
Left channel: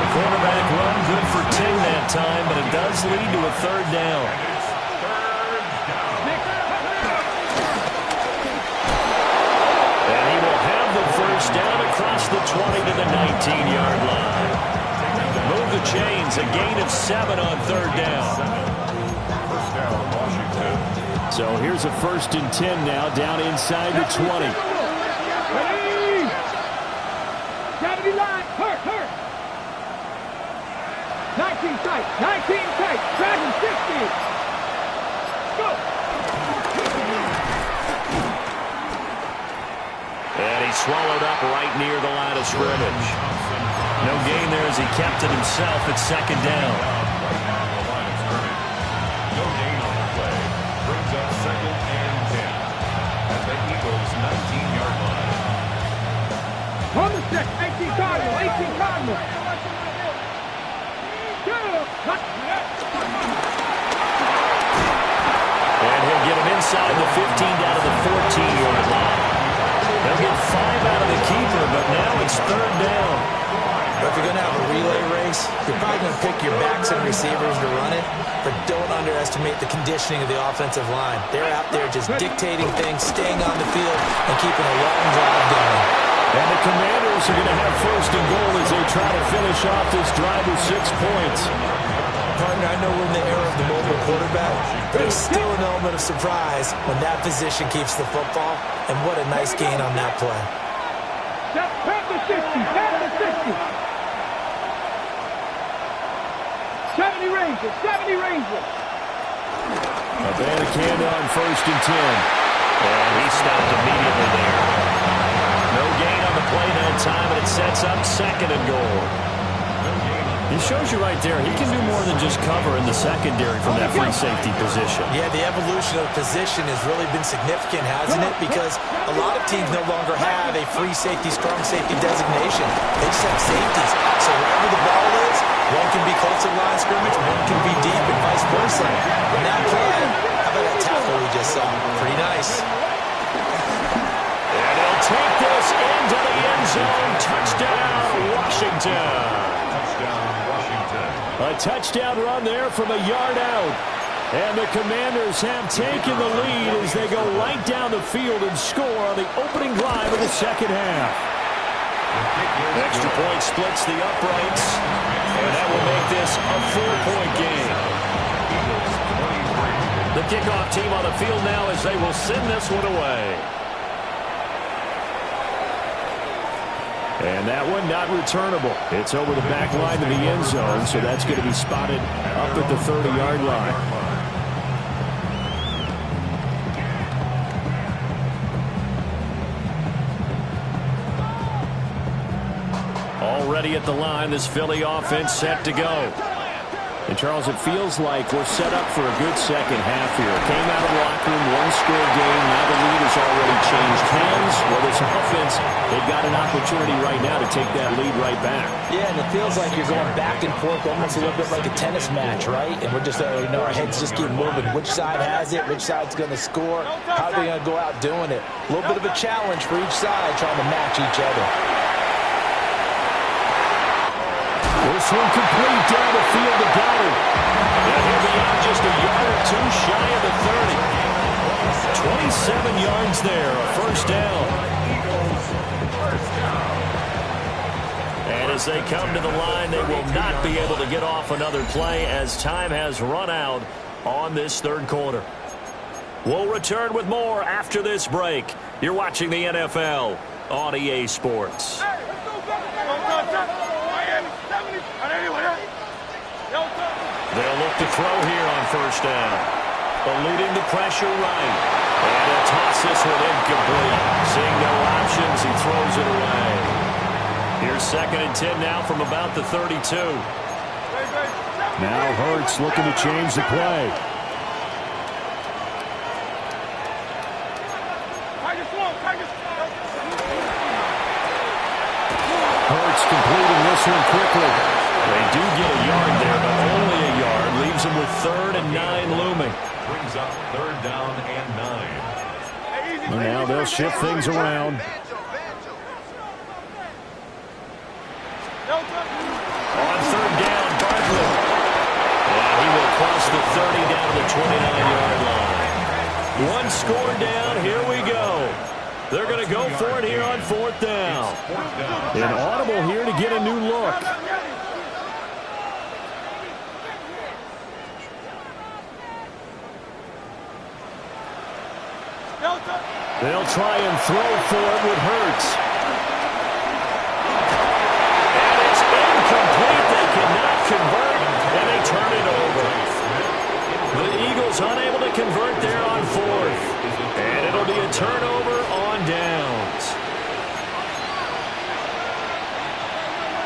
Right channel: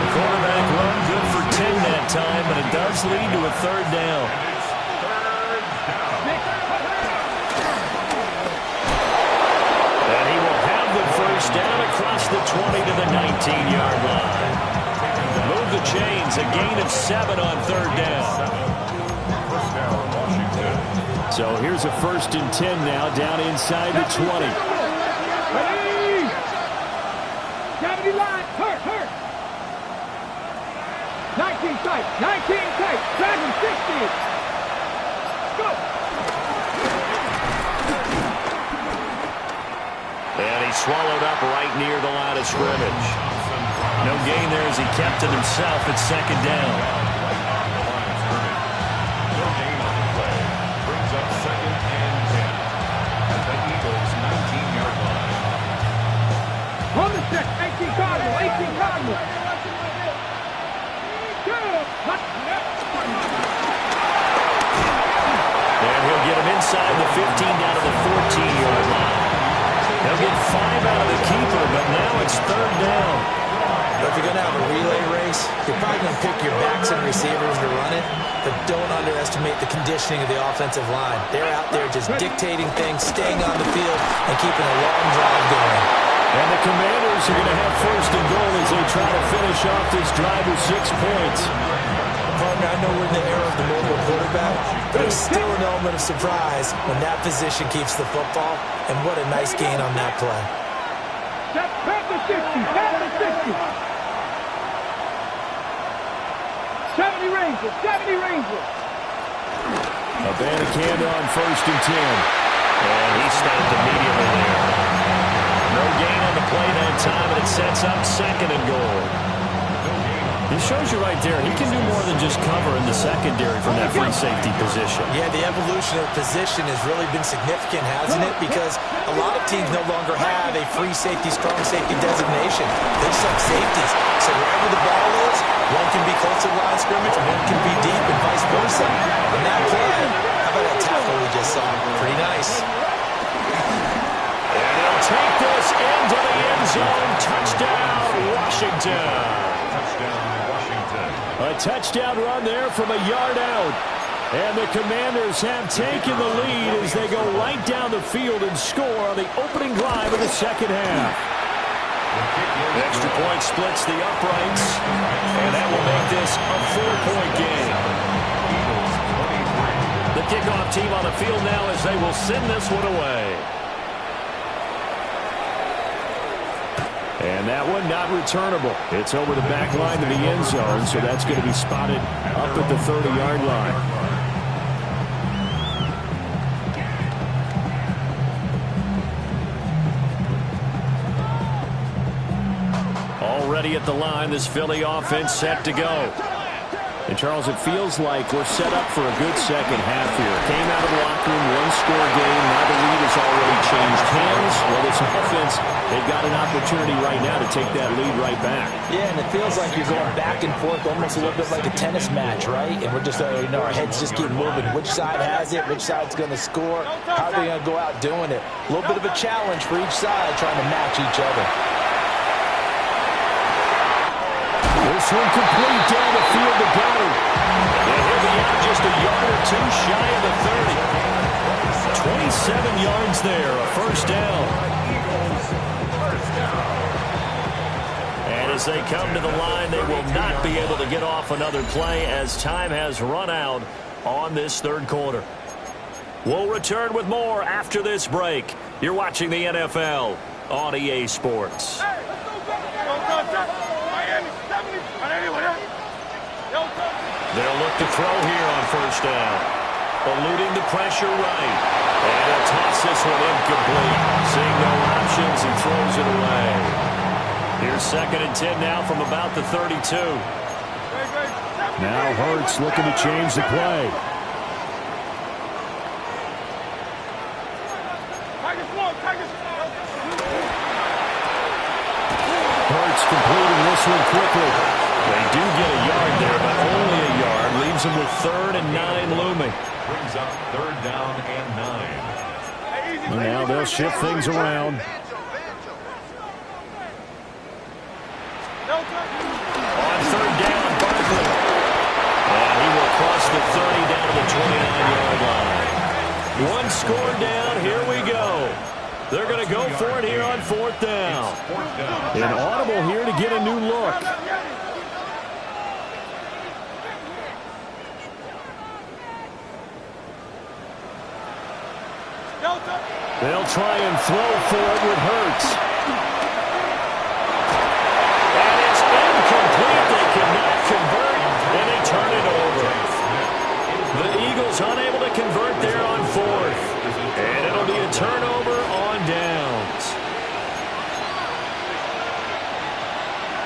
The quarterback run good for 10 that time, but it does lead to a 3rd down. And he will have the first First down across the 20 to the 19-yard line. Move the chains, a gain of 7 on third down. First down, Washington. So here's a 1st and 10 now, down inside the 20. Ready! 70 line, hurt. 19 tight, dragon 60. Go! And he swallowed up right near the line of scrimmage. No gain there as he kept it himself at 2nd down. Right at the line of scrimmage. No gain on the play. Brings up 2nd and 10 at the Eagles' 19-yard line. On the set, 18 Cardinal. And he'll get him inside the 15 down to the 14-yard line. They'll get 5 out of the keeper, but now it's 3rd down. But if you're going to have a relay race, you're probably going to pick your backs and receivers to run it, but don't underestimate the conditioning of the offensive line. They're out there just dictating things, staying on the field, and keeping a long drive going. And the Commanders are going to have 1st and goal as they try to finish off this drive with 6 points. Partner, I know we're in the era of the mobile quarterback, but there's still an element of surprise when that position keeps the football, and what a nice gain on that play. Panther 60. 70 Rangers. Abanikanda on 1st and 10. And he stopped immediately there. No gain on the play that time, and it sets up 2nd and goal. He shows you right there, he can do more than just cover in the secondary from that free safety position. Yeah, the evolution of the position has really been significant, hasn't it? Because a lot of teams no longer have a free safety, strong safety designation. They just have safeties. So wherever the ball is, one can be close to the line of scrimmage, one can be deep, and vice versa. And that play, how about that tackle we just saw? Pretty nice. And he'll take this into the end zone. Touchdown, Washington. Touchdown, Washington. A touchdown run there from a yard out. And the Commanders have taken the lead as they go right down the field and score on the opening drive of the 2nd half. Extra point splits the uprights, and that will make this a 4-point game. Eagles 23. The kickoff team on the field now as they will send this one away. And that one not returnable. It's over the back line to the end zone, so that's going to be spotted up at the 30-yard line. Already at the line, this Philly offense set to go. And, Charles, it feels like we're set up for a good second half here. Came out of the locker room, one-score game. Now the lead has already changed hands. Well, this offense, they've got an opportunity right now to take that lead right back. Yeah, and it feels like you're going back and forth almost a little bit like a tennis match, right? And we're just, our heads just keep moving. Which side has it? Which side's going to score? How are they going to go out doing it? A little bit of a challenge for each side trying to match each other. This one complete down the field to Goddard. And he'll be out just a yard or two shy of the 30. 27 yards there, a 1st down. And as they come to the line, they will not be able to get off another play as time has run out on this 3rd quarter. We'll return with more after this break. You're watching the NFL on EA Sports. They'll look to throw here on 1st down. Eluding the pressure right. And he'll toss this one incomplete. Seeing no options, he throws it away. Here's 2nd and 10 now from about the 32. Now Hurts looking to change the play. Hurts completing this one quickly. They do get a yard there, but only a yard. Leaves them with 3rd and 9 looming. Brings up 3rd down and 9. And now they'll shift things around. On 3rd down, Barkley. And he will cross the 30 down to the 29-yard line. One score down. Here we go. They're going to go for it here on 4th down. An audible here to get a new look. They'll try and throw for it with Hurts. And it's incomplete. They cannot convert, and they turn it over. The Eagles unable to convert there on 4th. And it'll be a turnover on downs.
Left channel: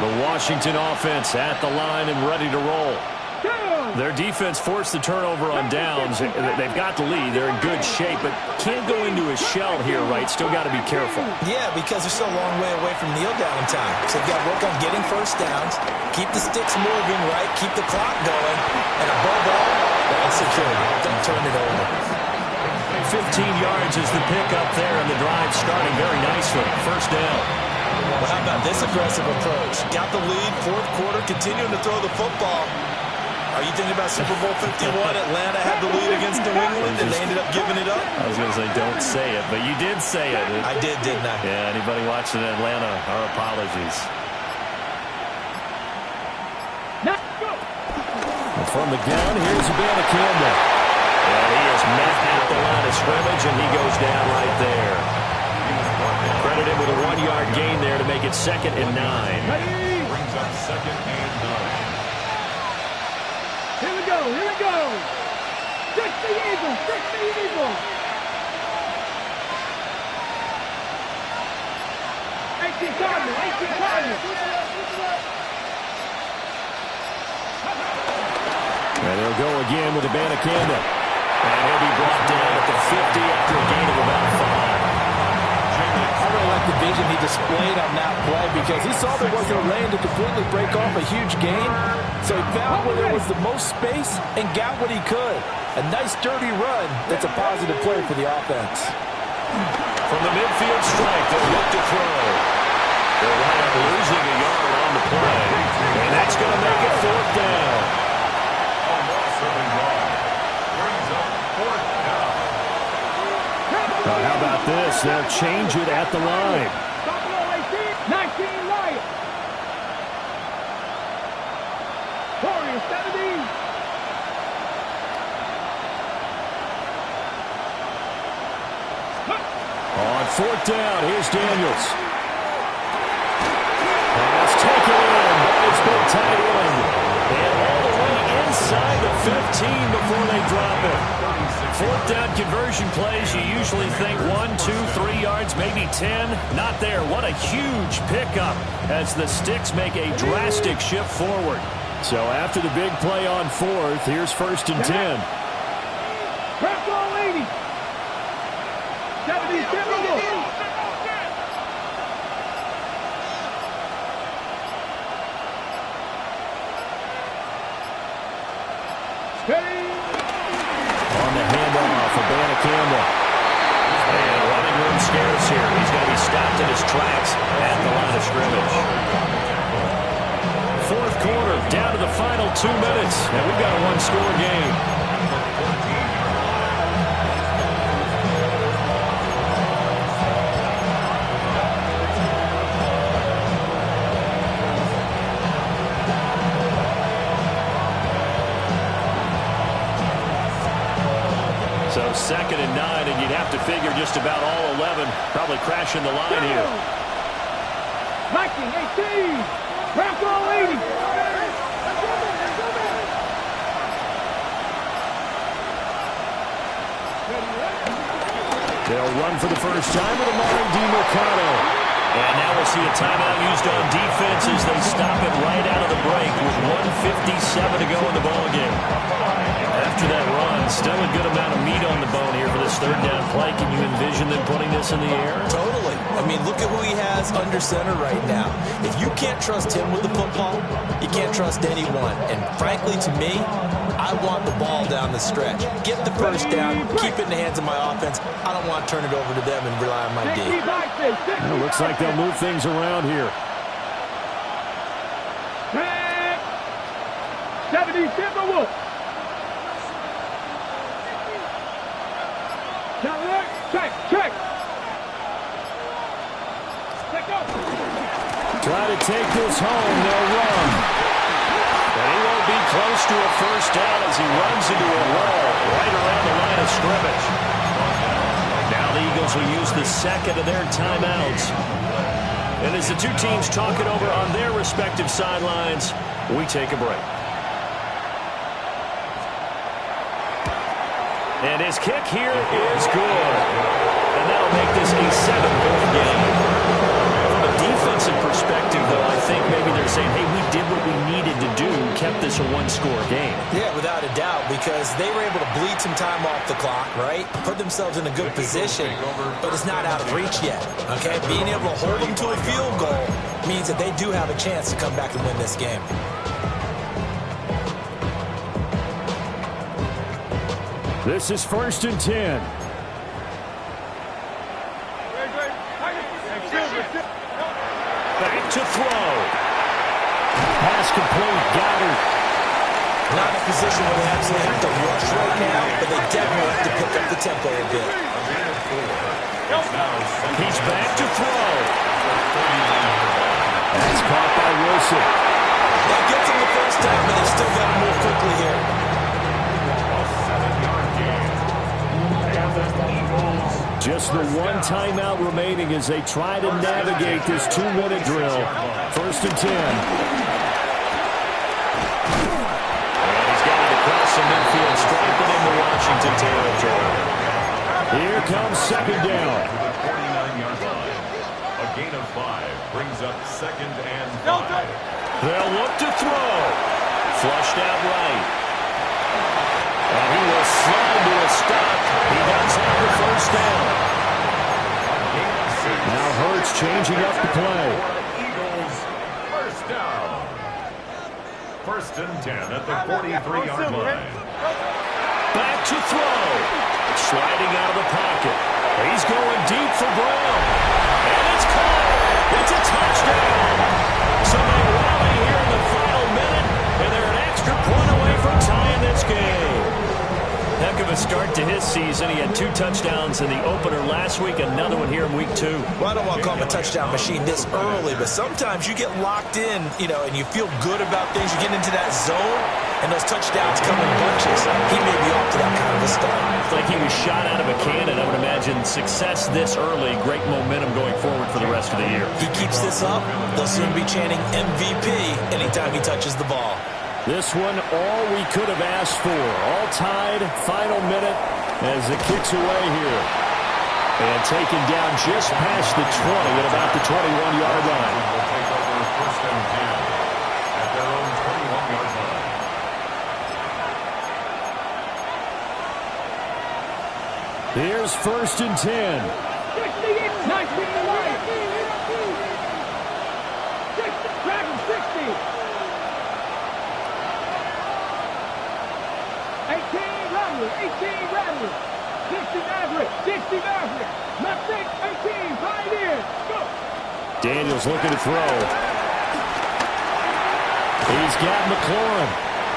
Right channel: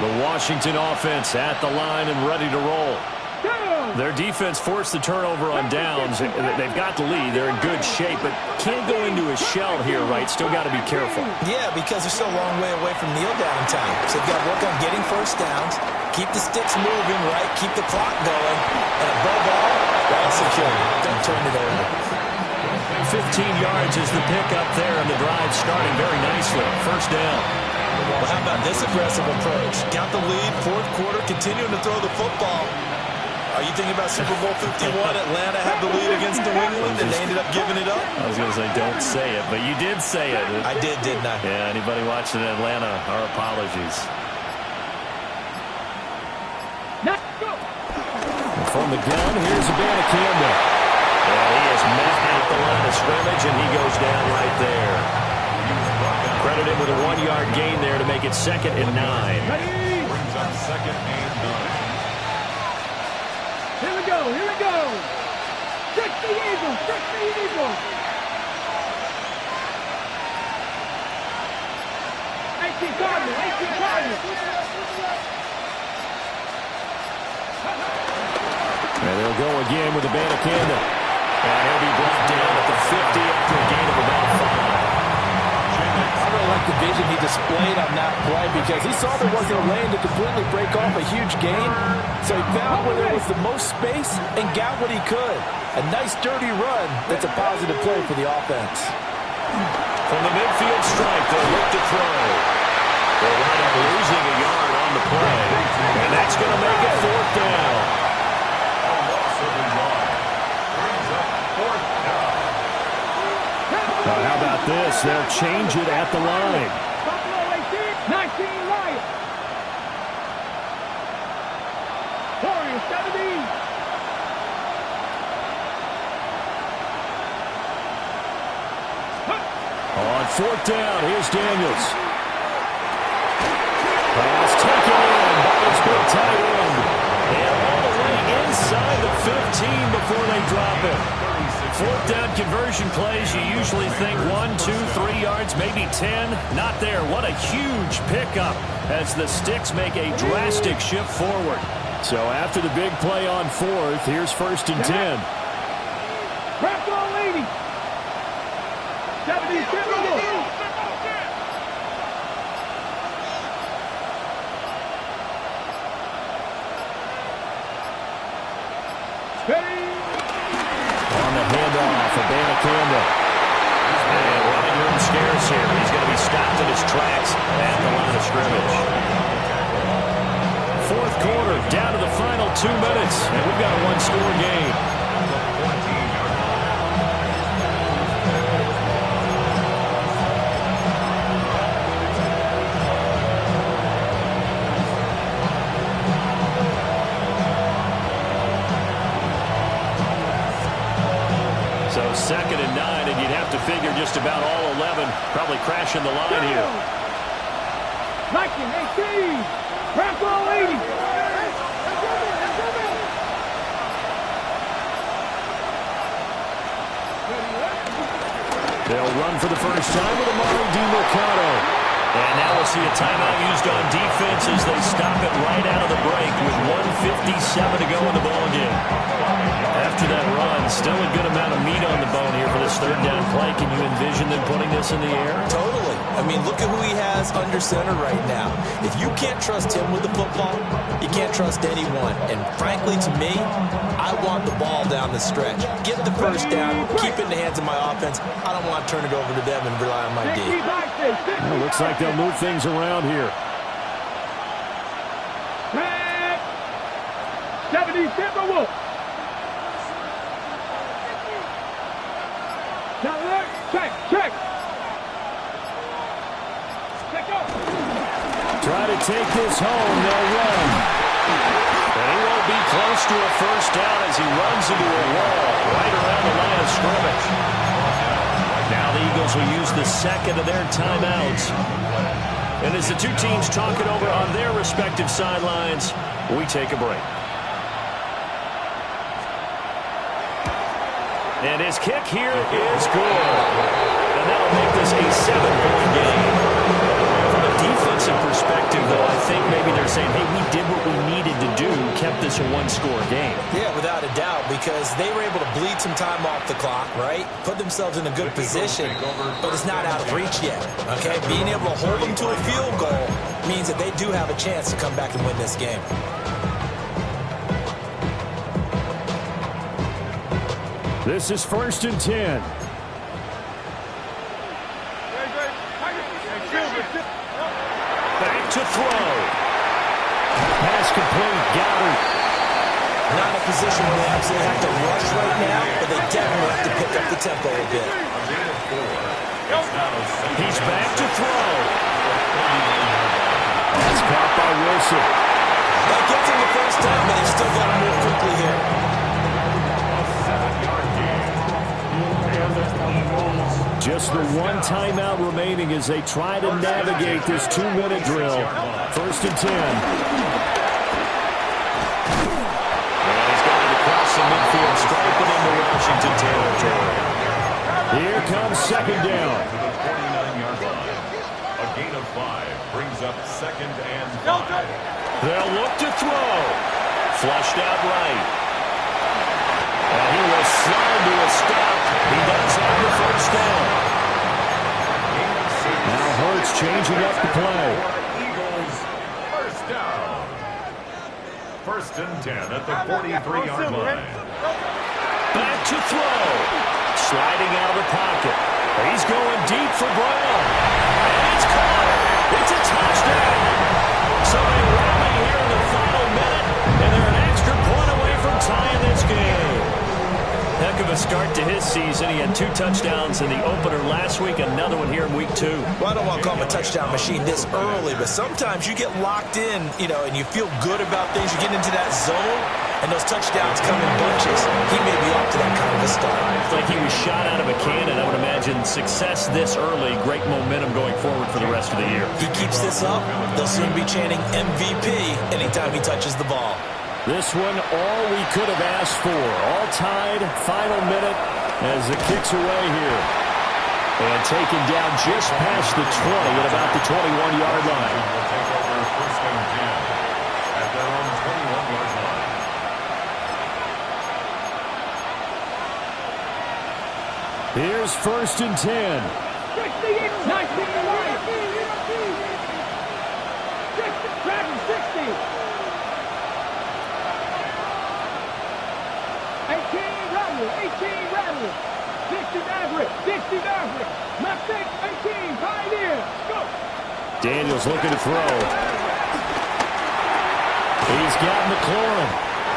The Washington offense at the line and ready to roll. Their defense forced the turnover on downs. They've got the lead. They're in good shape, but can't go into a shell here, right? Still got to be careful. Yeah, because they're still a long way away from kneel down time. So they've got to work on getting first downs, keep the sticks moving, right? Keep the clock going. And above all, ball security. Don't turn it over. 15 yards is the pickup there, and the drive starting very nicely. First down. Well, how about this aggressive approach? Got the lead, 4th quarter, continuing to throw the football. Are you thinking about Super Bowl 51? Atlanta had the lead against New England, and they ended up giving it up? I was going to say, don't say it, but you did say it. I did, didn't I? Yeah, anybody watching Atlanta, our apologies. From the gun, here's Abanikanda. And he is met at the line of scrimmage, and he goes down right there. Credited with a 1-yard gain there to make it 2nd and 9. Brings up 2nd and 9. Here we go, here we go. Trick the Eagles, trick the Eagles. 18 Cardinals, 18 Cardinals. And they'll go again with Abanikanda. And he'll be brought down at the 50 after a gain of about 5. I really like the vision he displayed on that play because he saw there wasn't a lane to completely break off a huge gain. So he found where there was the most space and got what he could. A nice dirty run that's a positive play for the offense. From the midfield stripe, they'll look to throw. They'll wind up losing a yard on the play. And that's going to make it 4th down. A loss of a yard. Brings up 4th down. How about this? They'll change it at the line. Buffalo 18, 19 Lions. Warriors 17. On 4th down, here's Daniels. Pass taken in by his big tight end. And all the way inside the 15 before they drop it. 4th down conversion plays, you usually think 1, 2, 3 yards, maybe 10. Not there. What a huge pickup as the Sticks make a drastic shift forward. So after the big play on 4th, here's 1st and 10. Crack all 80. 70 Timberwolves. On the handoff of Abanikanda. And running room scarce here. He's going to be stopped in his tracks at the line of scrimmage. 4th quarter, down to the final 2 minutes, and we've got a 1-score game. So 2nd and 9, and you'd have to figure just about all 11 probably crashing the line here. Viking 18. Crack all 80. They'll run for the first time with Amari DiMercato. And now we'll see a timeout used on defense as they stop it right out of the break with 1:57 to go in the ballgame. After that run, still a good amount of meat on the bone here for this 3rd down play. Can you envision them putting this in the air? Totally. I mean, look at who he has under center right now. If you can't trust him with the football, you can't trust anyone. And frankly, to me, I want the ball down the stretch. Get the first down, keep it in the hands of my offense. I don't want to turn it over to them and rely on my D. It looks like they'll move things around here. 70 Timberwolves. Check. Try to take this home. They'll run. And he won't be close to a first down as he runs into a wall right around the line of scrimmage. Now the Eagles will use the second of their timeouts. And as the two teams talk it over on their respective sidelines, we take a break. And his kick here is good. And that'll make this a 7-point game. From a defensive perspective, though, I think maybe they're saying, hey, we did what we needed to do, kept this a one-score game. Yeah, without a doubt, because they were able to bleed some time off the clock, right? Put themselves in a good position, but it's not out of reach yet, okay? Being able to hold them to a field goal means that they do have a chance to come back and win this game. This is 1st and 10. Back to throw. Pass complete. Goddard. Not in a position where they absolutely have to rush right now, but they definitely have to pick up the tempo a bit. He's back to throw. That's caught by Wilson. That gets him the first down, but they've still got to move quickly here. A 7-yard gain. And the Eagles. Just the one timeout remaining as they try to navigate this 2-minute drill. 1st and 10. And he's got it across the midfield, striking into Washington territory. Here comes 2nd down. To the 49-yard line. A gain of 5 brings up 2nd and 5. They'll look to throw. Flushed out right. And he will slide to a stop. He does have the first down. Now Hurts changing up the play. Eagles first down. 1st and 10 at the 43-yard line. Back to throw. Sliding out of the pocket. He's going deep for Brown. And it's caught. It's a touchdown. So they rally here in the final minute, and they're an extra point away from tying this game. Heck of a start to his season. He had 2 touchdowns in the opener last week, another one here in week 2. Well, I don't want to call him a touchdown machine this early, but sometimes you get locked in, and you feel good about things. You get into that zone, and those touchdowns come in bunches. He may be off to that kind of a start. It's like he was shot out of a cannon. I would imagine success this early, great momentum going forward for the rest of the year. He keeps this up, they'll soon be chanting MVP anytime he touches the ball. This one, all we could have asked for. All tied, final minute as it kicks away here. And taken down just past the 20 at about the 21-yard line. Will take over 1st and 10 at their own 21-yard line. Here's 1st and 10. 60, 19 to right. 60, Dragon 60. 18 Rattler. 60 Maverick. 60 Maverick. Left 6, 18, Pioneer. Go. Daniels looking to throw. He's got McLaurin.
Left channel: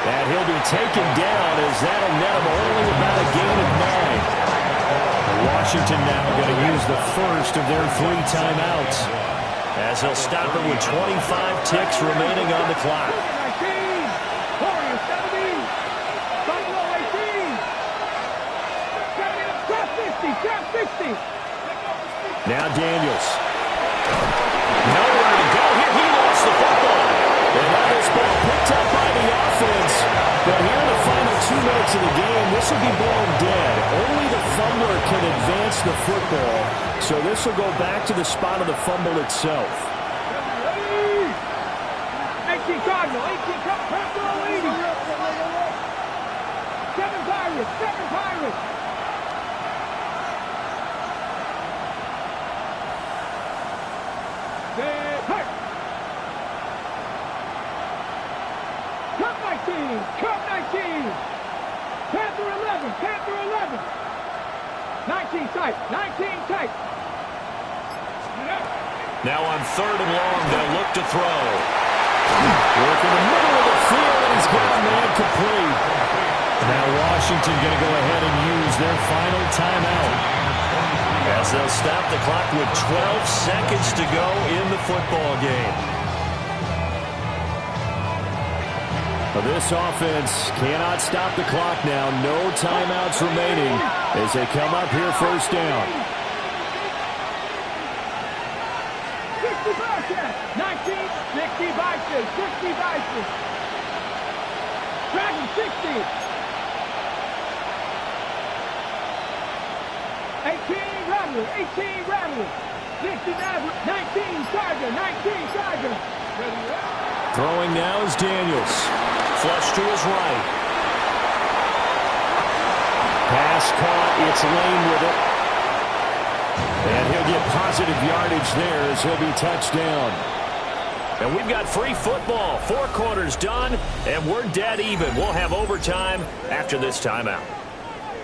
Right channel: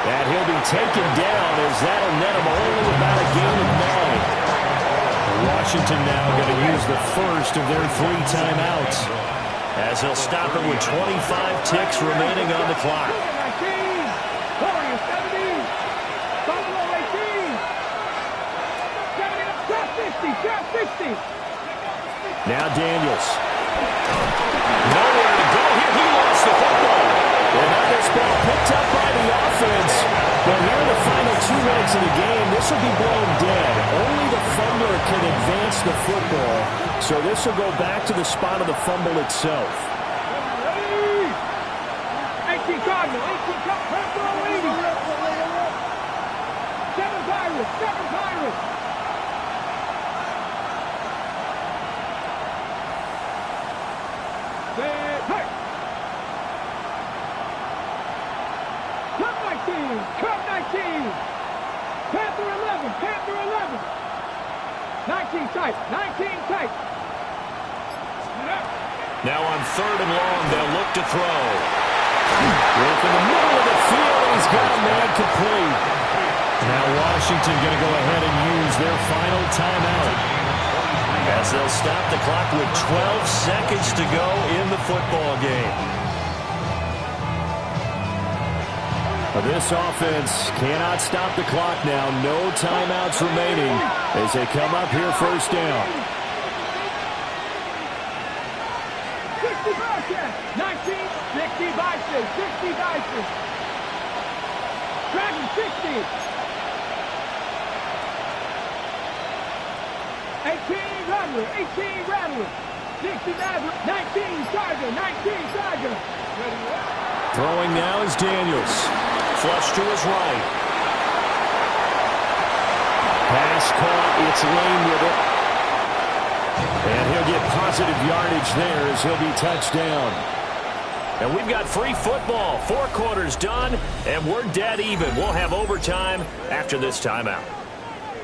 And he'll be taken down as that'll net him only about a gain of 9. Washington now going to use the first of their 3 timeouts as he'll stop it with 25 ticks remaining on the clock. 19. Warriors 17. Buffalo 18. 70 up, drop 60. Drop 60. Now Daniels. Nowhere to go here. He lost the football. And now this ball picked up by the offense. But here in the final 2 minutes of the game, this will be blown dead. Only the fumbler can advance the football. So this will go back to the spot of the fumble itself. 18 Cardinal. 18 Cardinal. 80. 7 Pirates. 7 Pirates. Cup 19, Cup 19, Panther 11, Panther 11, 19 tight, 19 tight. Now on 3rd and long, they'll look to throw. Work in the middle of the field, and he's got a man complete. Now Washington going to go ahead and use their final timeout. as they'll stop the clock with 12 seconds to go in the football game. This offense cannot stop the clock now. No timeouts remaining as they come up here first down. 60 Bobcats. 19, 60 Vices. 60 Vices. Dragon 60. 18 Rattler. 18 Rattler. 60 Maverick. 19 Tiger. 19 Tiger. Throwing now is Daniels. Flush to his right. Pass caught. It's Lane with it. And he'll get positive yardage there as he'll be touchdown. And we've got free football. 4 quarters done, and we're dead even. We'll have overtime after this timeout.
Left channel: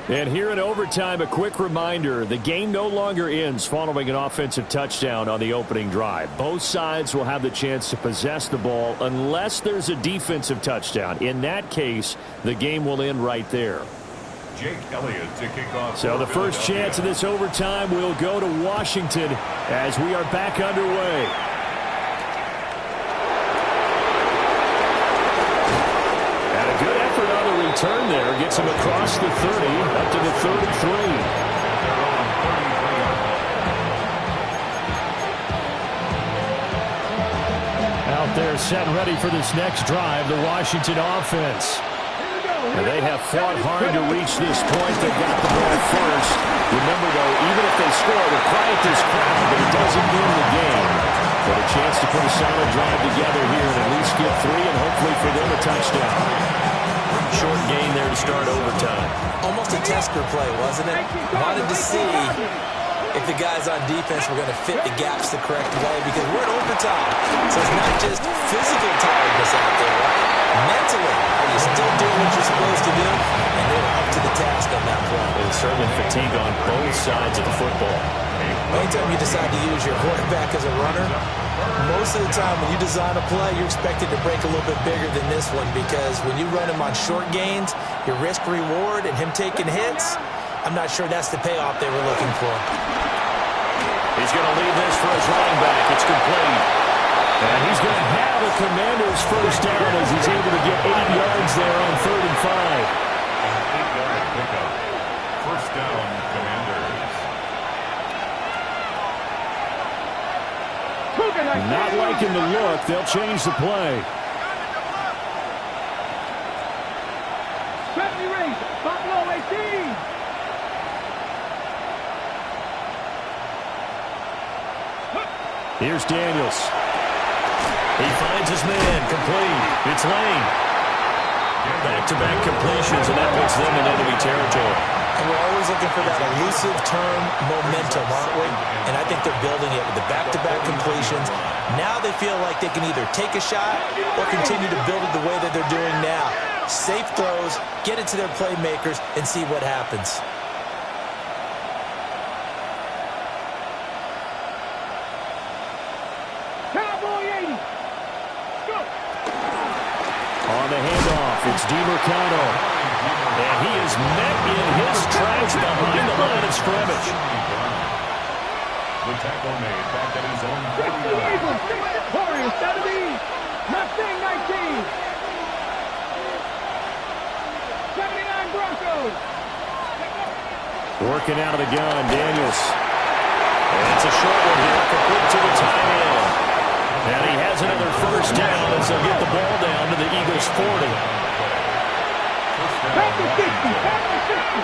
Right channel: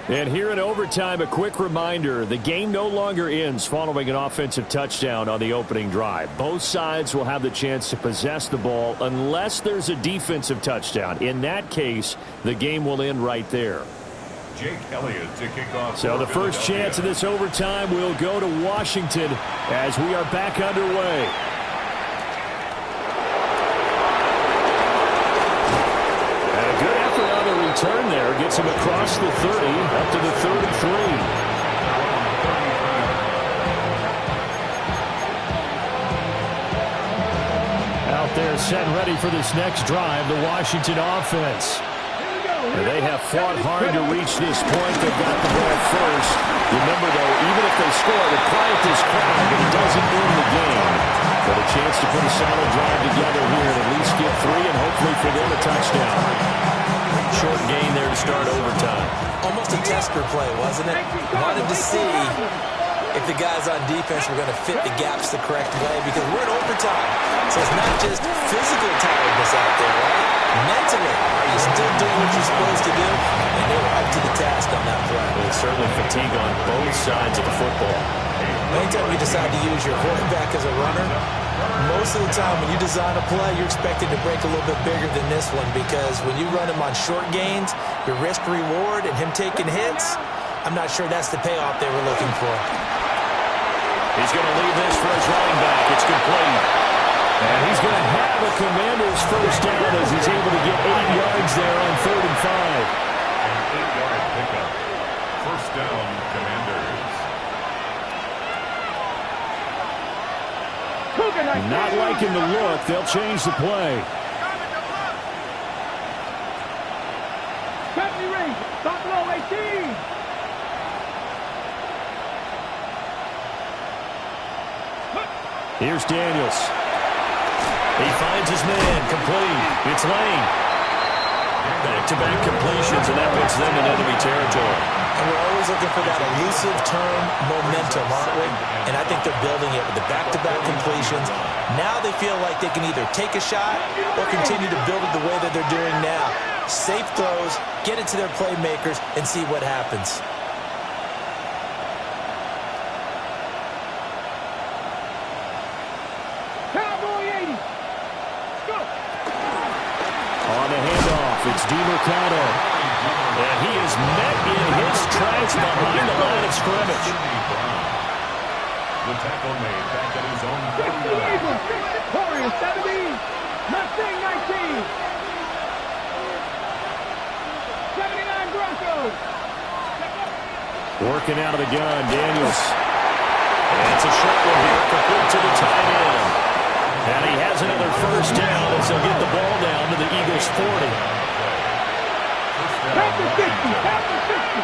And here in overtime, a quick reminder, the game no longer ends following an offensive touchdown on the opening drive. Both sides will have the chance to possess the ball unless there's a defensive touchdown. In that case, the game will end right there. Jake Elliott to kick off. So the first chance of this overtime will go to Washington as we are back underway. And a good effort on the return there. Gets him across the 30, up to the 33. Out there set and ready for this next drive, the Washington offense. And they have fought hard to reach this point. They got the ball first. Remember, though, even if they score, it would quiet this crowd, but it doesn't end the game. But a chance to put a solid drive together here and at least get 3 and hopefully for them a touchdown. Short gain there to start overtime. Almost a tester play, wasn't it? Wanted to see if the guys on defense were going to fit the gaps the correct way because we're in overtime. So it's not just physical tiredness out there, right? Mentally, are you still doing what you're supposed to do? And they were up to the task on that play. There's certainly fatigue on both sides of the football. Anytime you decide to use your quarterback as a runner, most of the time when you design a play, you're expected to break a little bit bigger than this one because when you run him on short gains, your risk-reward and him taking hits, I'm not sure that's the payoff they were looking for. He's going to leave this for his running back. It's complete. And he's going to have a Commander's first down as he's able to get 8 yards there on 3rd and 5. An 8-yard pickup. First down, Commanders. Not liking the look. They'll change the play. 70 Rings. Buffalo 18. Here's Daniels. He finds his man. Complete. It's Lane. Back-to-back completions, and that puts them in enemy territory. And we're always looking for that elusive term momentum, aren't we? And I think they're building it with the back-to-back completions. Now they feel like they can either take a shot or continue to build it the way that they're doing now. Safe throws, get it to their playmakers, and see what happens. On the handoff, it's DiMercado. And he is met in his tracks behind the line of scrimmage. The tackle made back at his own 50 Warriors 70. Mustang 19. 79 Broncos. Working out of the gun, Daniels. And it's a short one here, complete to the tight end. And he has another first down as they'll get the ball down to the Eagles' 40. Panther 50. Panther 50.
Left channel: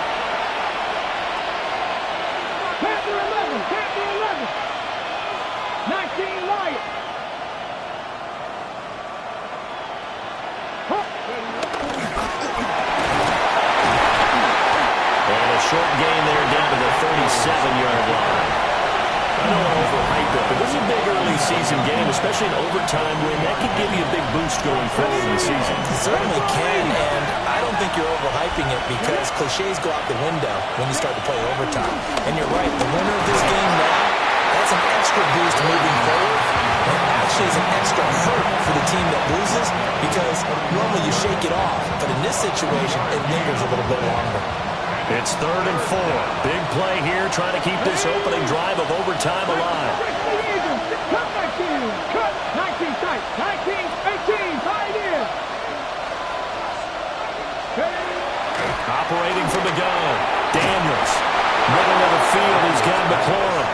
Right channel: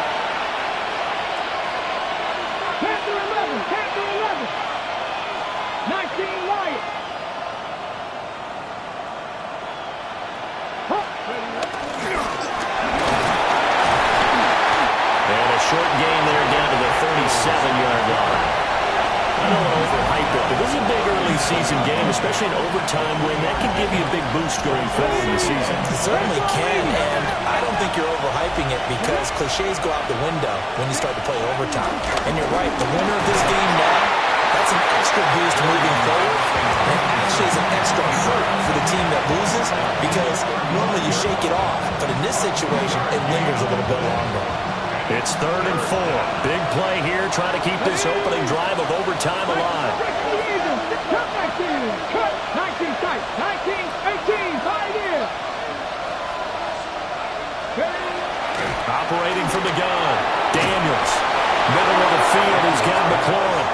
Panther 11. Panther 11. 19 Wyatt. And a short gain there down to the 37-yard line. I don't want to overhype it, but this is a big early season game, especially an overtime win. That could give you a big boost going forward in the season. It certainly can, and I don't think you're overhyping it because cliches go out the window when you start to play overtime. And you're right, the winner of this game now, that's an extra boost moving forward, and actually is an extra hurt for the team that loses because normally you shake it off, but in this situation, it lingers a little bit longer. At It's 3rd and 4. Big play here, trying to keep this opening drive of overtime alive. Cut 19. Cut 19 tight. 19, 18. Pioneer. Operating from the gun. Daniels. Middle of the field. He's got McLaurin.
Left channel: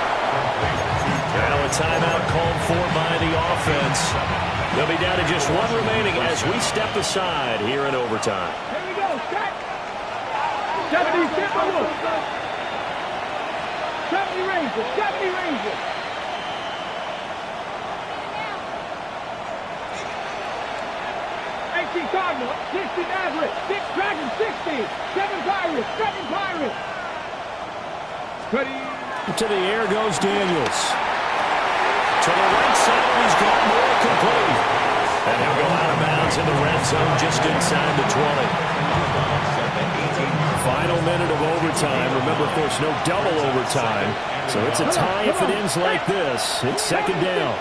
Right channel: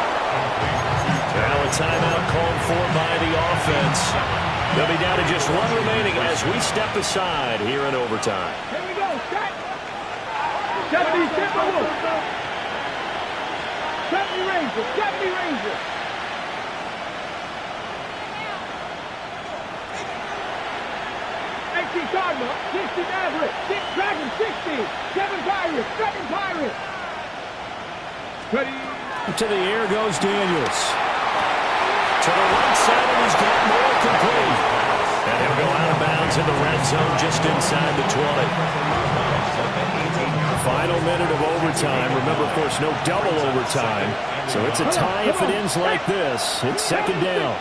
Now a timeout called for by the offense. They'll be down to just one remaining as we step aside here in overtime. Here we go. Set. 70 Timberwolves. 70 Rangers. 70 Rangers. 18 Cardinals. 60 Mavericks. 6 Dragons. 60. 7 Pirates. 7 Pirates. Ready. To the air goes Daniels. To the right side, and he's got more complete. And he'll go out of bounds in the red zone just inside the 20. Final minute of overtime. Remember, of course, no double overtime. So it's a tie if it ends like this. It's second down.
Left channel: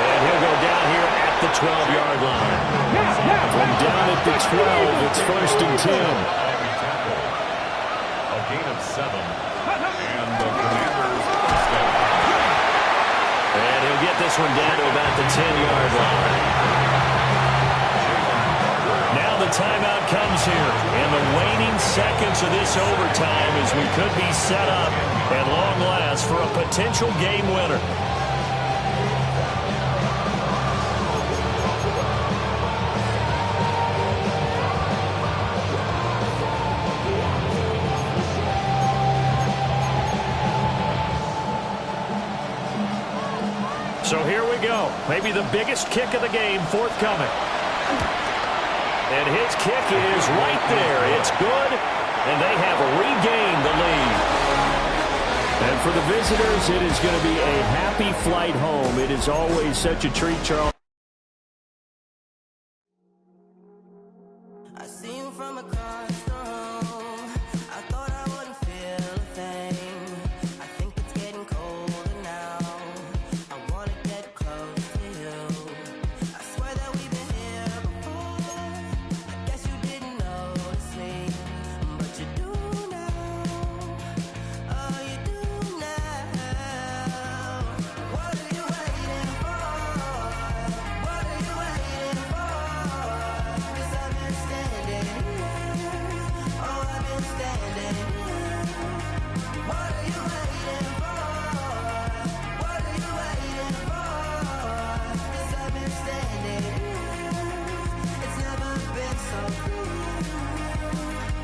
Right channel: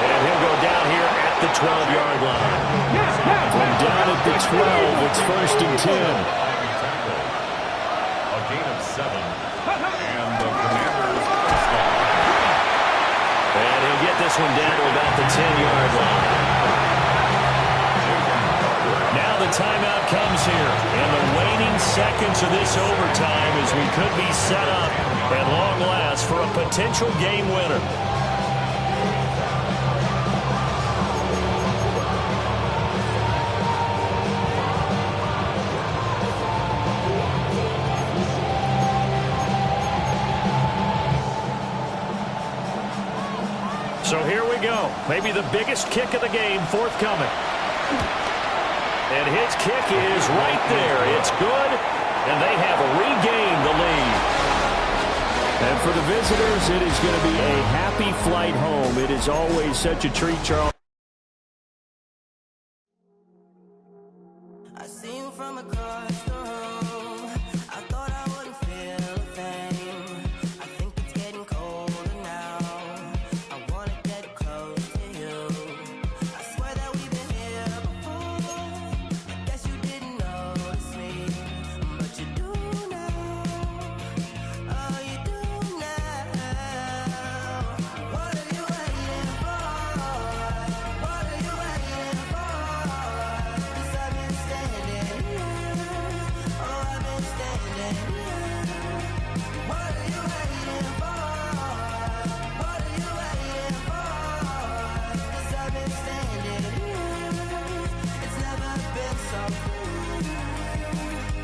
And he'll go down here at the 12-yard line. From down at the 12, it's 1st and 10. A gain of 7. And the Commanders first down. And he'll get this one down to about the 10-yard line. Now the timeout comes here. In the waning seconds of this overtime as we could be set up at long last for a potential game winner. So here we go. Maybe the biggest kick of the game forthcoming. And his kick is right there. It's good, and they have regained the lead. And for the visitors, it is going to be a happy flight home. It is always such a treat, Charles. I see you from across the room. I thought I wouldn't feel a thing. I think it's getting colder now. I wanna get close to you. I swear that we've been here before. I guess you didn't notice me, but you do now. Oh, you do now. What are you waiting for? What are you waiting for? 'Cause I've been standing here. Oh, I've been standing here. What are you waiting for? What are you waiting for? 'Cause I've been standing here. It's never been so good.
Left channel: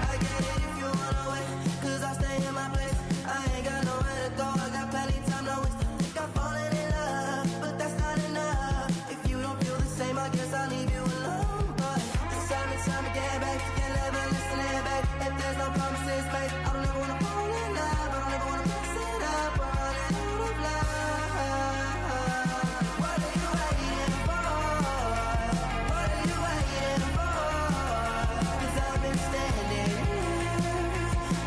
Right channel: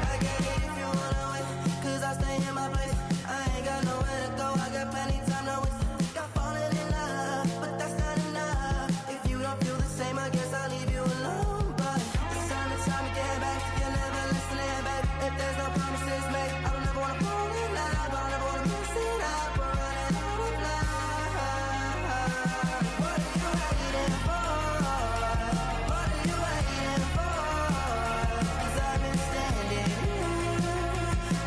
I get it if you wanna wait, 'cause I'll stay in my place. I ain't got nowhere to go. I got plenty time to waste. Think I'm falling in love, but that's not enough. If you don't feel the same, I guess I'll leave you alone. But it's time to get back. You're never listening, babe. If there's no promises made, I don't ever wanna fall in love. I don't ever wanna mess it up. We're running out of love. What are you waiting for? What are you waiting for? 'Cause I've been standing here.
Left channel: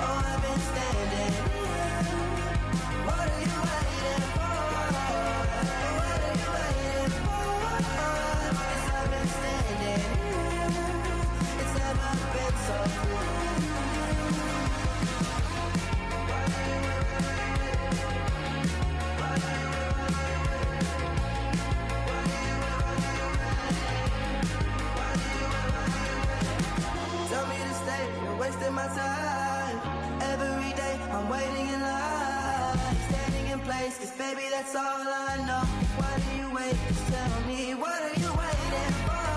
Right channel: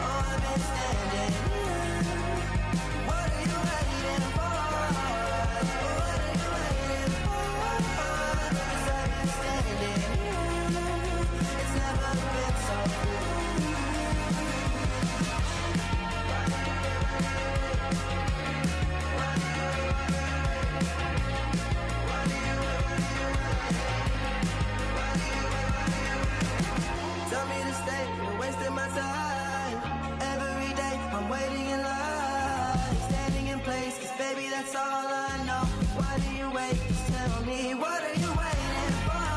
Oh, I've been standing here. What are you waiting for? What are you waiting for? 'Cause I've been standing here. It's never been so good. Tell me to stay, you're wasting my time. Every day, I'm waiting in line. Standing in place, 'cause baby, that's all I know. Why do you wait? Just tell me, what are you waiting for?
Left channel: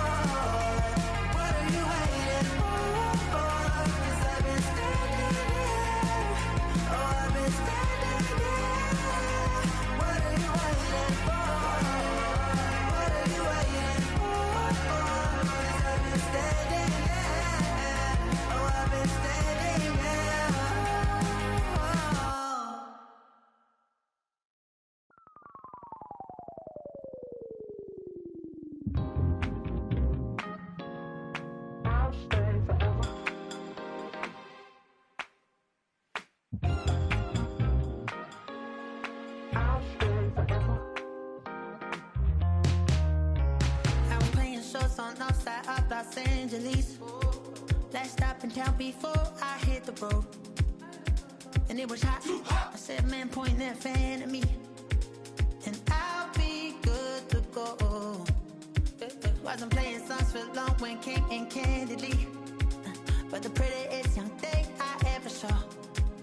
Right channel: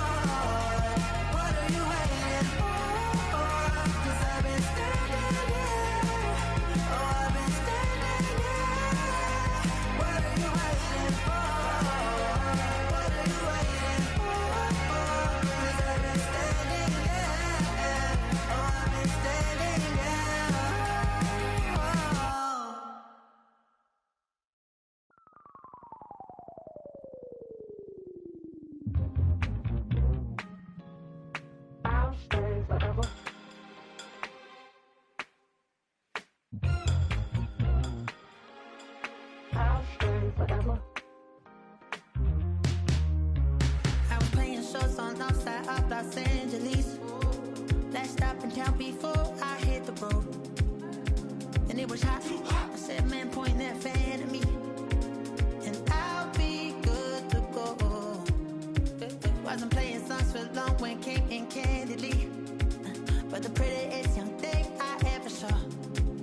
What are you waiting for? 'Cause I've been standing here. Oh, I've been standing here. What are you waiting for? What are you waiting for? 'Cause I've been standing here. Oh, I've been standing here. Oh. shows on outside of Los Angeles. Last stop in town before I hit the road. And it was hot. I said, man, point that fan at me. And I'll be good to go. Wasn't playing songs for long when came in candidly. But the prettiest young thing I ever saw.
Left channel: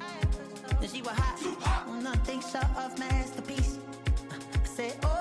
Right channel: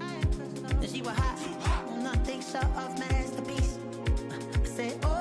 And she was hot. Well, nothing short of masterpiece. I said, oh.